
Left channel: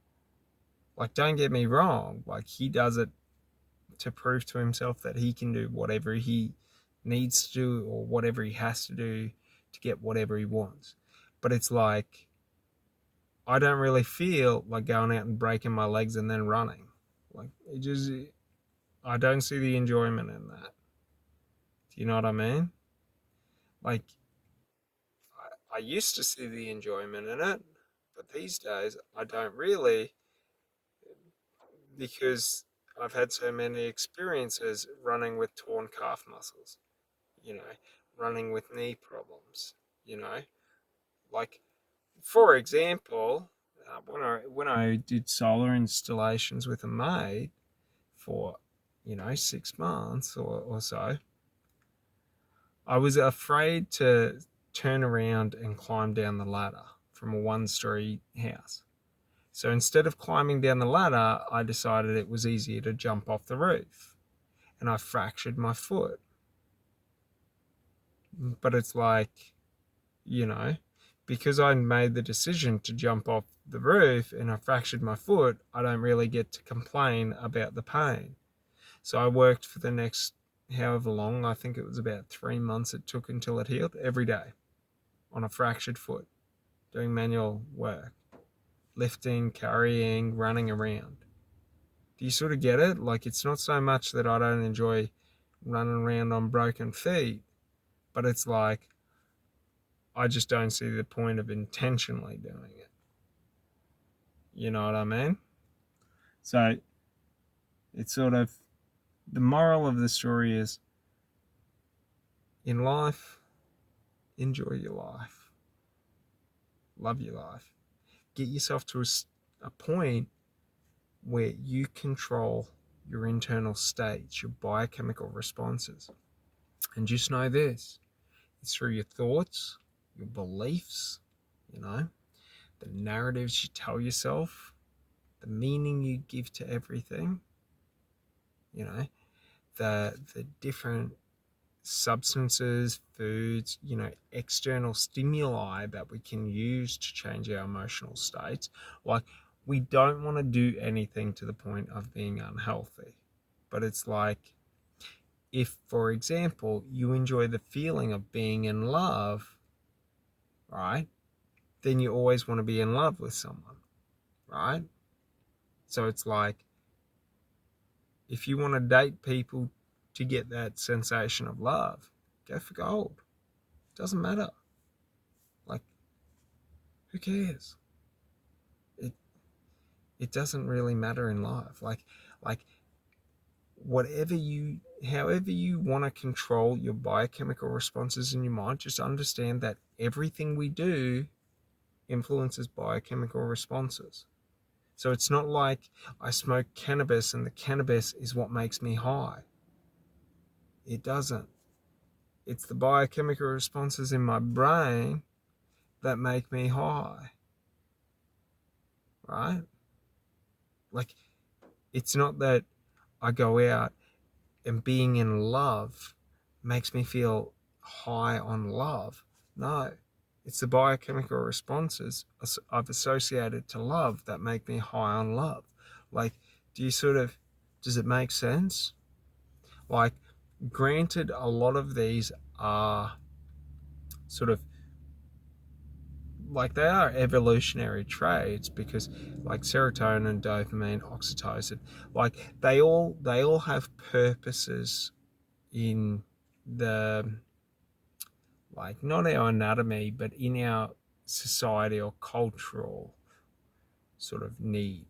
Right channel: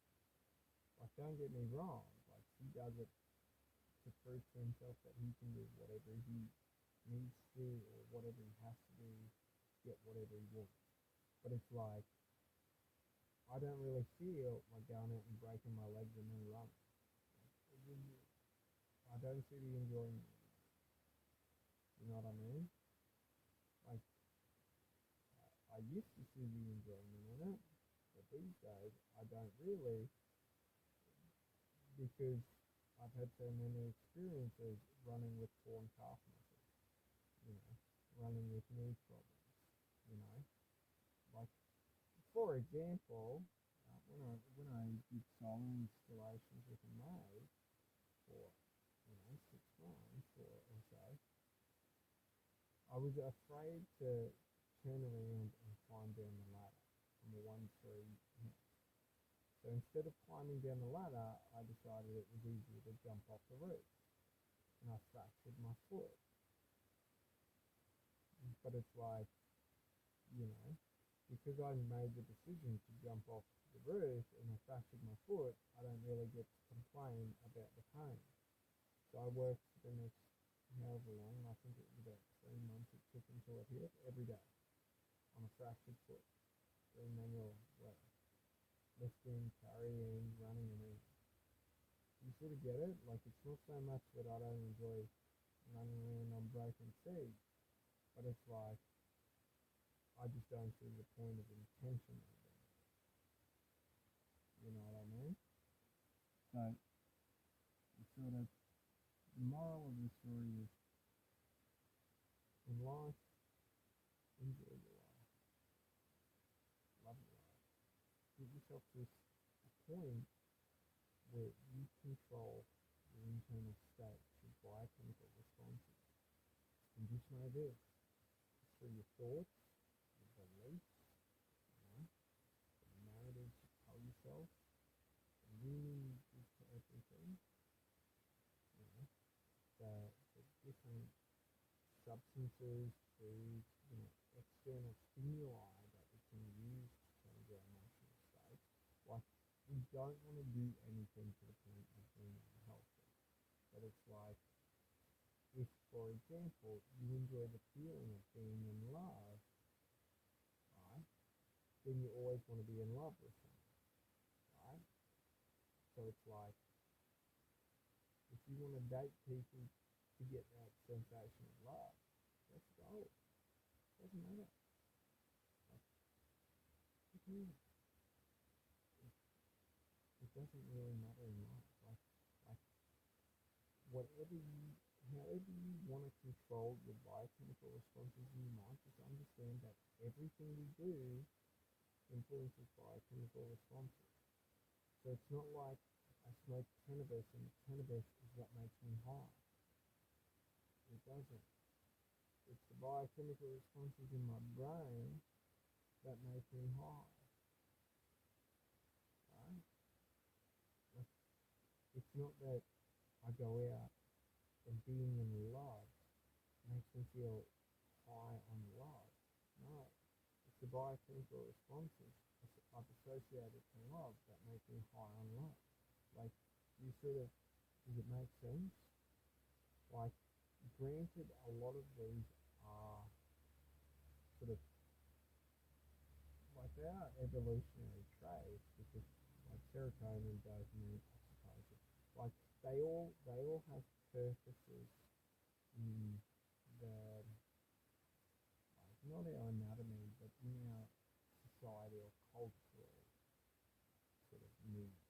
Like don't get me wrong. Like he does it to prove to himself that he can do whatever he needs to do or whatever he has to do to get whatever he wants. But it's like, I don't really feel like going out and breaking my legs and then running. Like, I don't see the enjoyment in that. Do you know what I mean? Like, I used to see the enjoyment in it, but these days I don't really because I've had so many experiences running with torn calf muscles. Running with knee problems, you know, like for example, when I I did solar installations with a mate for, 6 months or so, I was afraid to turn around and climb down the ladder from a 1-story house. So instead of climbing down the ladder, I decided it was easier to jump off the roof. And I fractured my foot. But it's like, you know, because I made the decision to jump off the roof and I fractured my foot, I don't really get to complain about the pain. So I worked for the next however long, I think it was about 3 months it took until it healed, every day on a fractured foot, doing manual work, lifting, carrying, running around. Do you sort of get it? Like, it's not so much that I don't enjoy running around on broken feet, but it's like, I just don't see the point of intentionally doing it. You know what I mean? So it's sort of, the moral of the story is, in life, enjoy your life. Love your life. Get yourself to a point where you control your internal states, your biochemical responses. And just know this, it's through your thoughts, your beliefs, the narratives you tell yourself, the meaning you give to everything, the different substances, foods, external stimuli that we can use to change our emotional states. Like, we don't want to do anything to the point of being unhealthy. But it's like, if, for example, you enjoy the feeling of being in love, right? Then you always want to be in love with someone, right? So it's like, if you want to date people to get that sensation of love, go for gold. Doesn't matter. Like, who cares? It doesn't really matter in life. Like however you want to control your biochemical responses in your mind, just understand that everything we do influences biochemical responses. So it's not like I smoke cannabis and the cannabis is what makes me high. It doesn't. It's the biochemical responses in my brain that make me high. Right? Like, it's not that I go out and being in love makes me feel high on love. No, it's the biochemical responses I've associated to love that make me high on love. Like, does it make sense? Like, granted, a lot of these are sort of, like, they are evolutionary traits, because like serotonin, dopamine, oxytocin, like they all have purposes in the, like, not our anatomy, but in our society or cultural sort of need.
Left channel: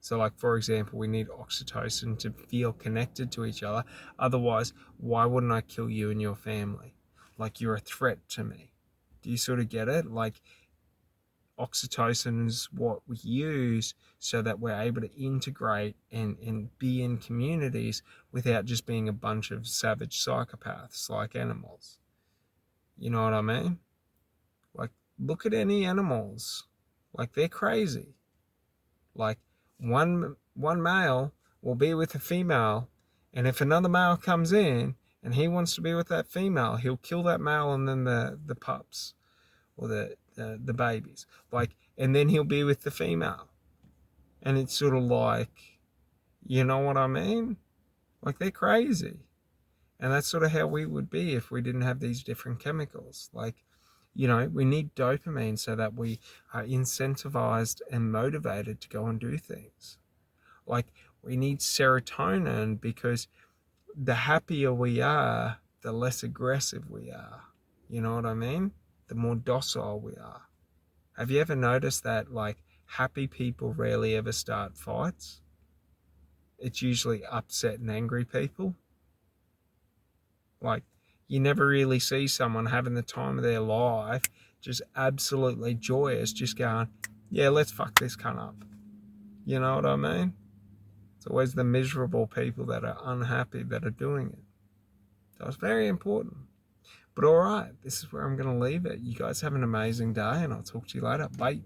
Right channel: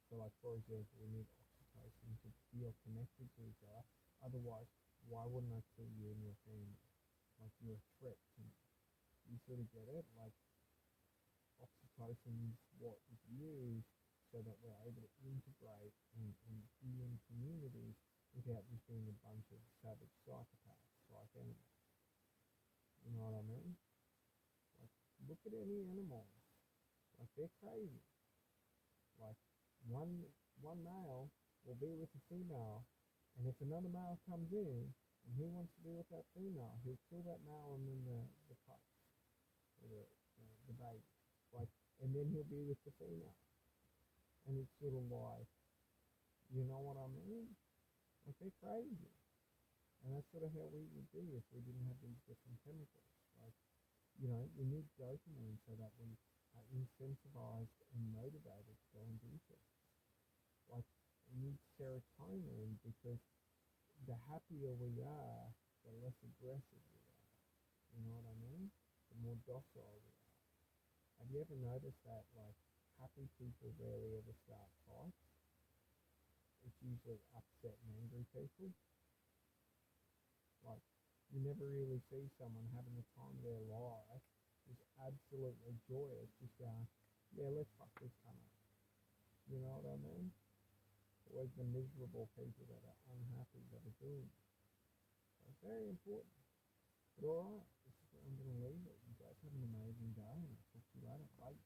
So, like, for example, we need oxytocin to feel connected to each other. Otherwise, why wouldn't I kill you and your family? Like, you're a threat to me. Do you sort of get it? Like, oxytocin is what we use so that we're able to integrate and be in communities without just being a bunch of savage psychopaths like animals. You know what I mean? Like, look at any animals. Like, they're crazy. Like, one male will be with a female, and if another male comes in and he wants to be with that female, he'll kill that male and then the pups or the babies. Like, and then he'll be with the female. And it's sort of like, you know what I mean? Like, they're crazy. And that's sort of how we would be if we didn't have these different chemicals. Like, we need dopamine so that we are incentivized and motivated to go and do things. Like, we need serotonin because the happier we are, the less aggressive we are. You know what I mean? The more docile we are. Have you ever noticed that, like, happy people rarely ever start fights? It's usually upset and angry people. Like, you never really see someone having the time of their life, just absolutely joyous, just going, yeah, let's fuck this cunt up. You know what I mean? It's always the miserable people that are unhappy that are doing it. So it's very important. But all right, this is where I'm going to leave it. You guys have an amazing day, and I'll talk to you later. Bye.